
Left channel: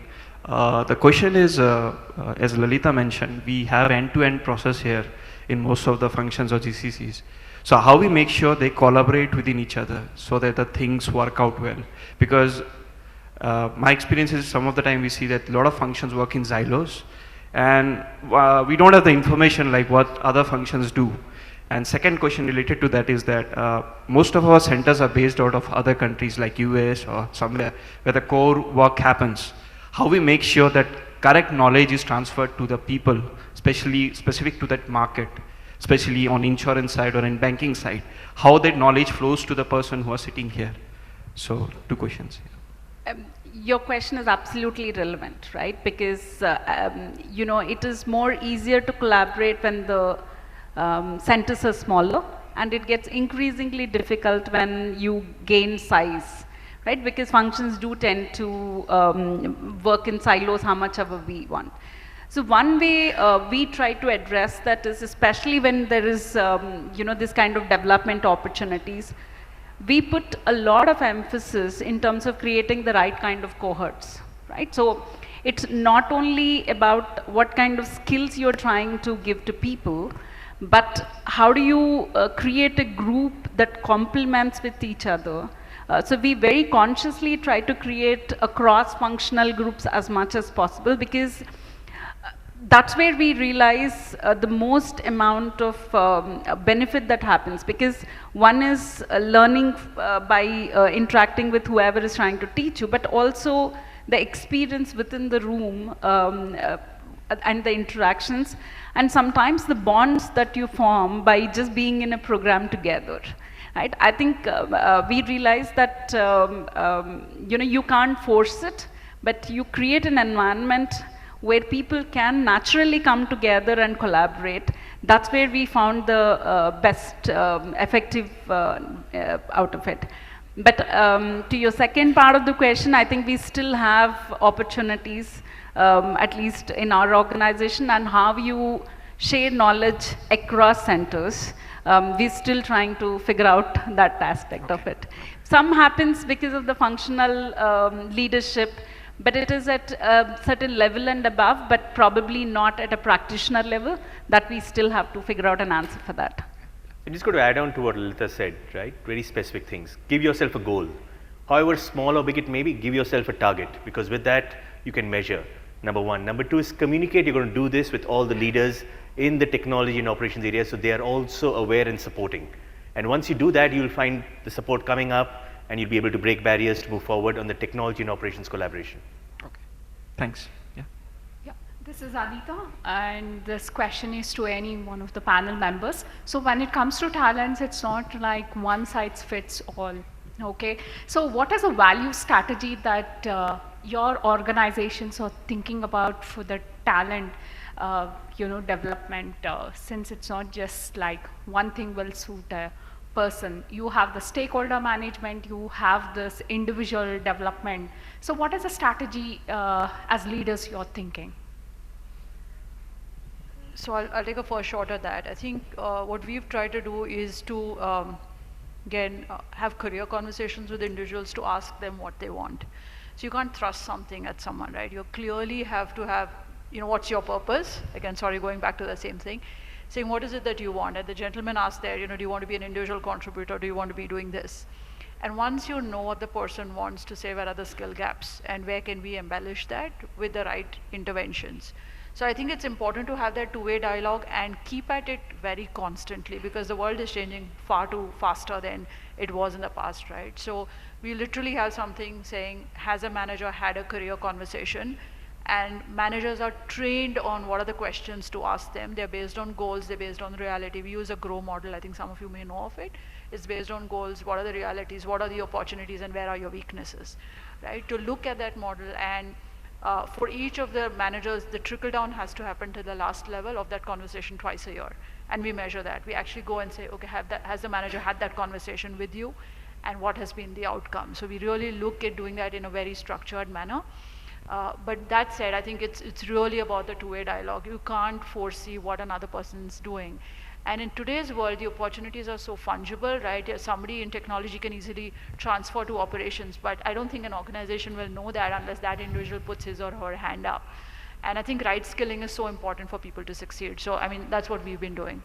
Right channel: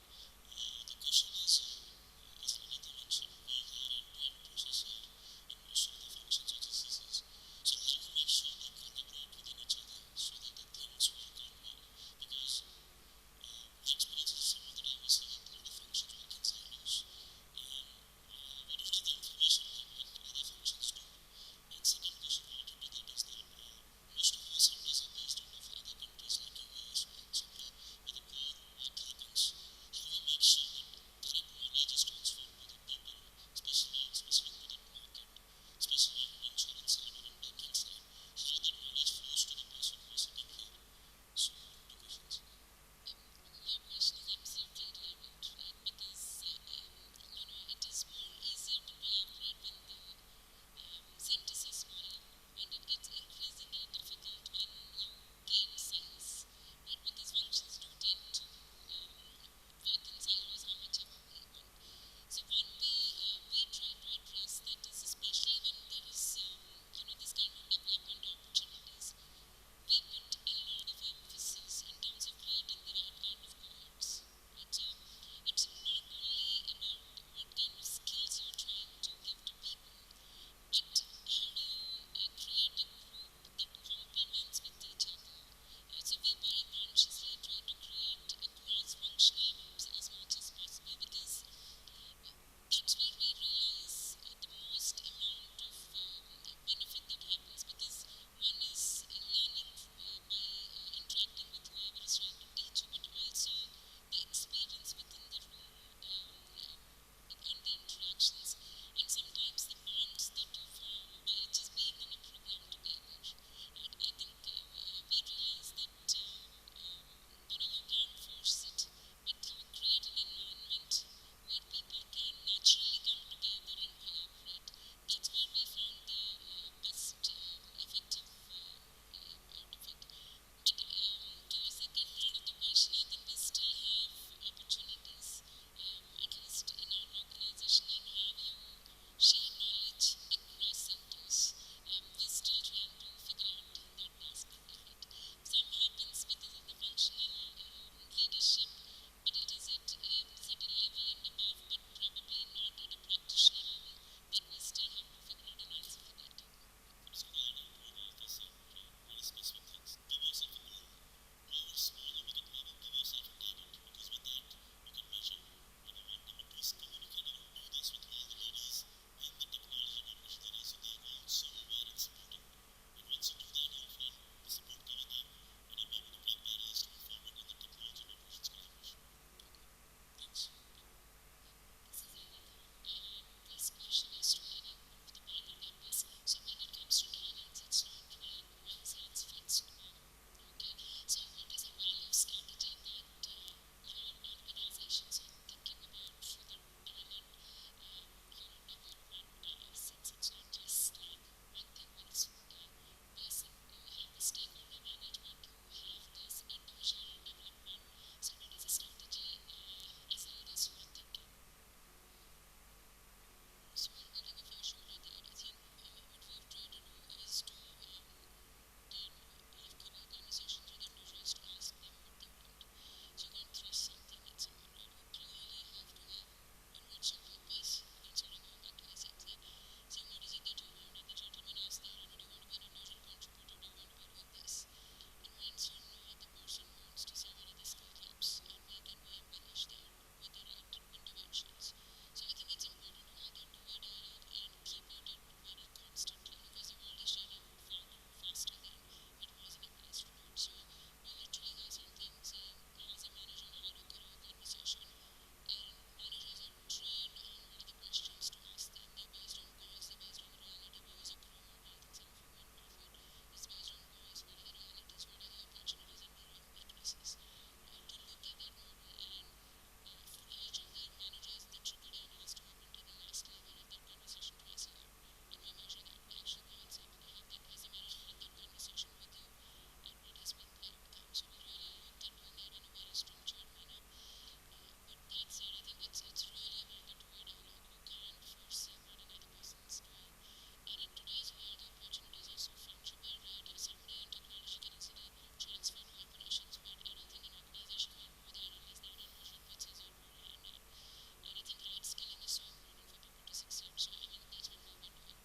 The question is, as Lalitha mentioned, we have end-to-end process here in most of the functions of GCCs. So how we make sure they collaborate within each other so that the things work out well? Because my experience is some of the time we see that a lot of functions work in silos, and we don't have the information like what other functions do. And second question related to that is that most of our centers are based out of other countries like US or somewhere where the core work happens. How we make sure that correct knowledge is transferred to the people, especially specific to that market, especially on insurance side or in banking side, how that knowledge flows to the person who are sitting here. So 2 questions. Your question is absolutely relevant, right? Because it is more easier to collaborate when the centers are smaller, and it gets increasingly difficult when you gain size. Right? Because functions do tend to work in silos how much ever we want. So one way we try to address that is, especially when there is this kind of development opportunities, we put a lot of emphasis in terms of creating the right kind of cohorts. Right? So it's not only about what kind of skills you're trying to give to people, but how do you create a group that complements with each other. So we very consciously try to create a cross-functional groups as much as possible, because that's where we realize the most amount of benefit that happens. Because one is learning by interacting with whoever is trying to teach you, but also the experience within the room and the interactions, and sometimes the bonds that you form by just being in a program together. Right? I think we realize that you can't force it, but you create an environment where people can naturally come together and collaborate. That's where we found the best effective out of it. But to your second part of the question, I think we still have opportunities, at least in our organization, and how you share knowledge across centers. We're still trying to figure out that aspect of it. Some happens because of the functional leadership, but it is at a certain level and above, but probably not at a practitioner level, that we still have to figure out an answer for that. I'm just going to add on to what Lalitha said, right? Very specific things. Give yourself a goal. However small or big it may be, give yourself a target, because with that, you can measure. number one. Number two is communicate. You're going to do this with all the leaders in the technology and operations area, so they are also aware and supporting. And once you do that, you'll find the support coming up, and you'll be able to break barriers to move forward on the technology and operations collaboration. Okay. Thanks. Yeah. Yeah, this is Lalitha, and this question is to any one of the panel members. So when it comes to talents, it's not like one size fits all. Okay. So what is a value strategy that your organizations are thinking about for the talent, development? Since it's not just like one thing will suit a person. You have the stakeholder management, you have this individual development. So what is a strategy as leaders you're thinking? So I'll take a first shot at that. I think what we've tried to do is to, again, have career conversations with individuals to ask them what they want. So you can't thrust something at someone, right? You clearly have to have, what's your purpose? Again, sorry, going back to the same thing. Saying, what is it that you want? And the gentleman asked there, do you want to be an individual contributor? Do you want to be doing this? And once you know what the person wants to say, where are the skill gaps and where can we embellish that with the right interventions? So I think it's important to have that two-way dialogue and keep at it very constantly, because the world is changing far too faster than it was in the past, right? So we literally have something saying, has a manager had a career conversation? And managers are trained on what are the questions to ask them. They're based on goals, they're based on reality. We use a GROW model, I think some of you may know of it. It's based on goals, what are the realities, what are the opportunities, and where are your weaknesses, right? To look at that model, and for each of the managers, the trickle down has to happen to the last level of that conversation twice a year. And we measure that. We actually go and say, okay, has the manager had that conversation with you? And what has been the outcome? So we really look at doing that in a very structured manner. But that said, I think it's really about the two-way dialogue. You can't foresee what another person's doing. And in today's world, the opportunities are so fungible, right? Somebody in technology can easily transfer to operations, but I don't think an organization will know that unless that individual puts his or her hand up. And I think right skilling is so important for people to succeed. So, I mean, that's what we've been doing.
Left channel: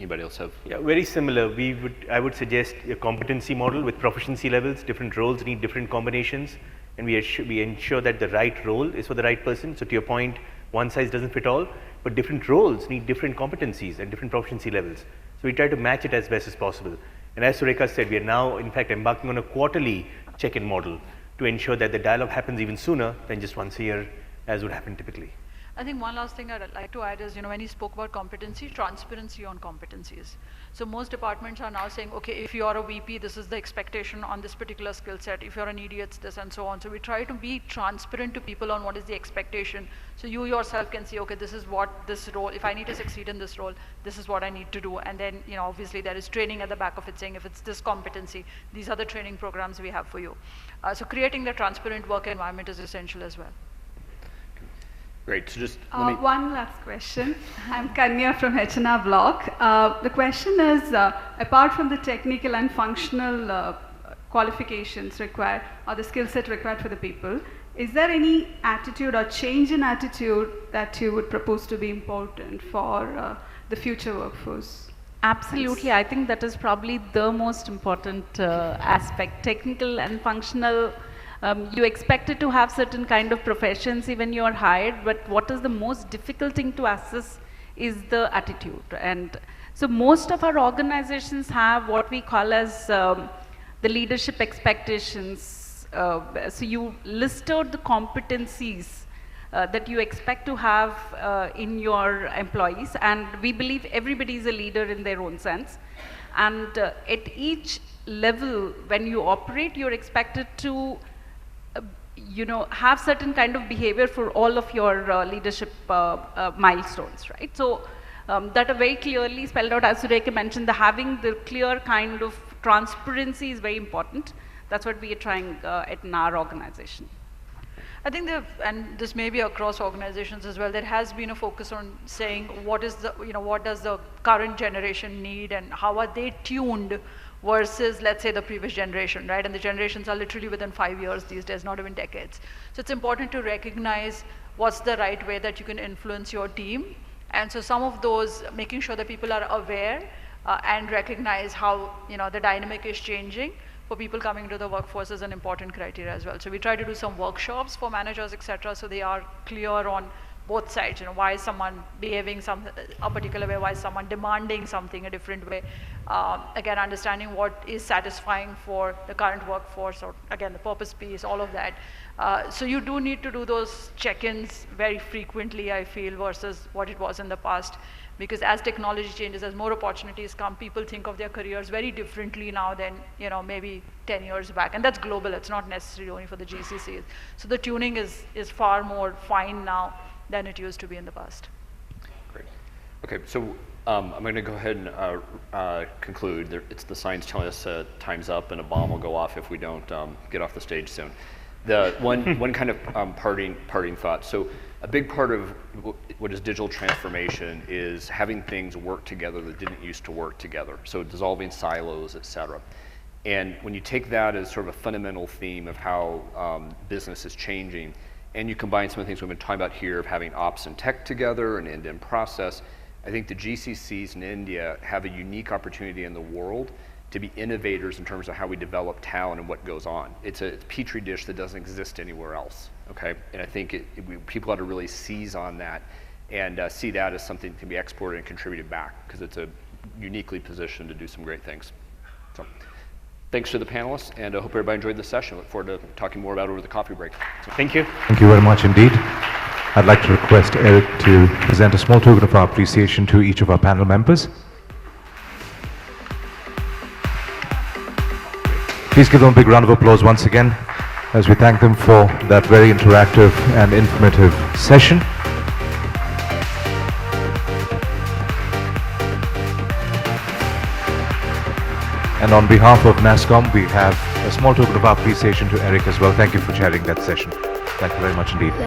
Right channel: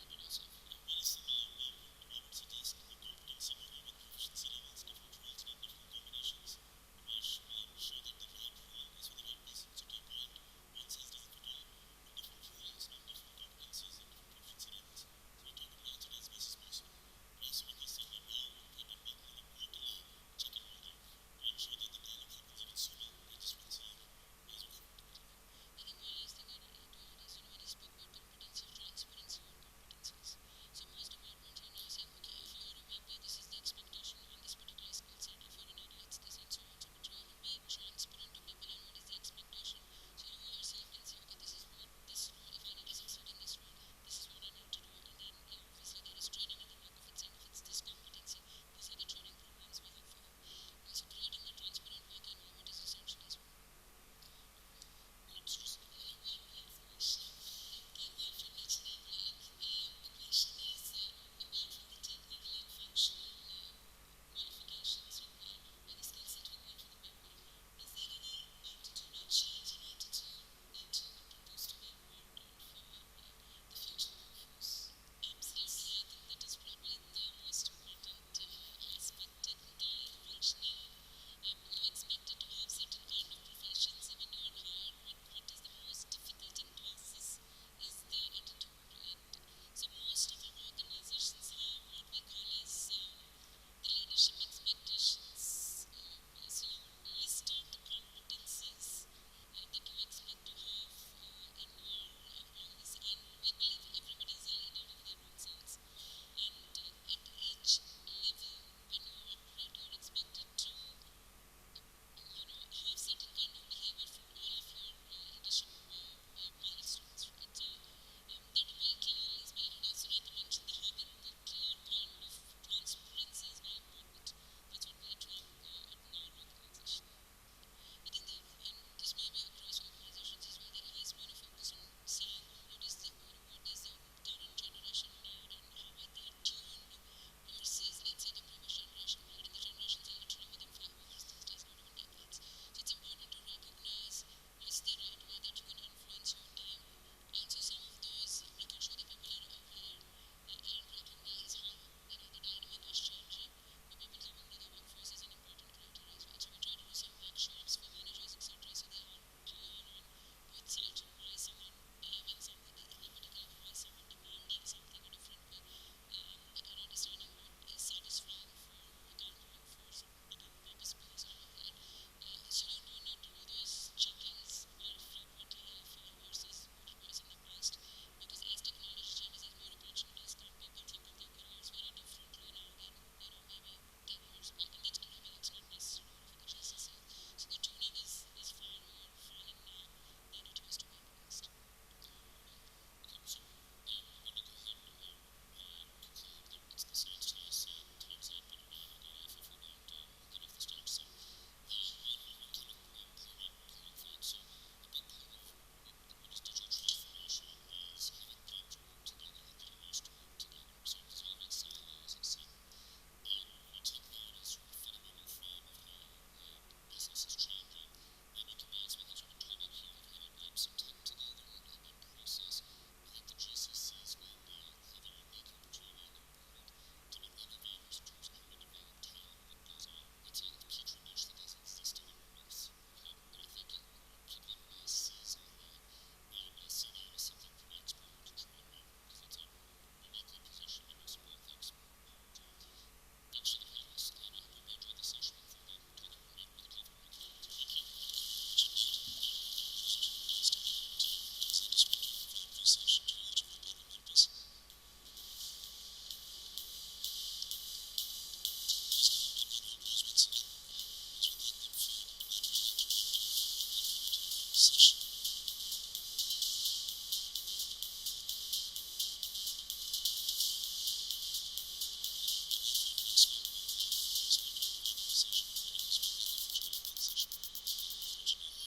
Anybody else have? Yeah, very similar. I would suggest a competency model with proficiency levels. Different roles need different combinations. And we ensure that the right role is for the right person. So to your point, one size doesn't fit all, but different roles need different competencies and different proficiency levels. So we try to match it as best as possible. And as Surekha said, we are now, in fact, embarking on a quarterly check-in model to ensure that the dialogue happens even sooner than just once a year, as would happen typically. I think one last thing I'd like to add is, when you spoke about competency, transparency on competencies. So most departments are now saying, okay, if you are a VP, this is the expectation on this particular skill set. If you're an ED, it's this, and so on. So we try to be transparent to people on what is the expectation. So you yourself can see, okay, this is what this role, if I need to succeed in this role, this is what I need to do. And then, obviously there is training at the back of it saying, if it's this competency, these are the training programs we have for you. So creating the transparent work environment is essential as well. Great, so just let me... One last question. I'm Kanya from H&R Block. The question is, apart from the technical and functional qualifications required, or the skill set required for the people, is there any attitude or change in attitude that you would propose to be important for the future workforce? Absolutely, I think that is probably the most important aspect. Technical and functional, you expected to have certain kind of proficiency when you are hired, but what is the most difficult thing to assess is the attitude. And so most of our organizations have what we call as the leadership expectations. So you listed the competencies that you expect to have in your employees, and we believe everybody is a leader in their own sense. And at each level, when you operate, you're expected to have certain kind of behavior for all of your leadership milestones, right? So that are very clearly spelled out, as Surekha mentioned, having the clear kind of transparency is very important. That's what we are trying in our organization. I think and this may be across organizations as well, there has been a focus on saying what is the, what does the current generation need and how are they tuned versus, let's say, the previous generation, right? And the generations are literally within 5 years these days, not even decades. So it's important to recognize what's the right way that you can influence your team. And so some of those, making sure that people are aware and recognize how, the dynamic is changing, for people coming into the workforce is an important criteria as well. So we try to do some workshops for managers, etc., so they are clear on both sides. Why is someone behaving a particular way? Why is someone demanding something a different way? Again, understanding what is satisfying for the current workforce, or again, the purpose piece, all of that. So you do need to do those check-ins very frequently, I feel, versus what it was in the past. Because as technology changes, as more opportunities come, people think of their careers very differently now than maybe 10 years back. And that's global, it's not necessarily only for the GCCs. So the tuning is far more fine now than it used to be in the past. Great. Okay, so I'm going to go ahead and conclude. It's the signs telling us time's up and a bomb will go off if we don't get off the stage soon. The one kind of parting thought. So a big part of what is digital transformation is having things work together that didn't used to work together. So dissolving silos, et cetera. And when you take that as sort of a fundamental theme of how business is changing, and you combine some of the things we've been talking about here of having ops and tech together and end-to-end process, I think the GCCs in India have a unique opportunity in the world to be innovators in terms of how we develop talent and what goes on. It's a petri dish that doesn't exist anywhere else, okay? And I think people ought to really seize on that and see that as something that can be exported and contributed back, because it's a uniquely positioned to do some great things. So, thanks to the panelists, and I hope everybody enjoyed the session. Look forward to talking more about it over the coffee break. So, Thank you. Thank you very much indeed. I'd like to request Eric to present a small token of our appreciation to each of our panel members. Please give them a big round of applause once again as we thank them for that very interactive and informative session. And on behalf of Nasscom, we have a small token of our appreciation to Eric as well. Thank you for chairing that session. Thank you very much indeed.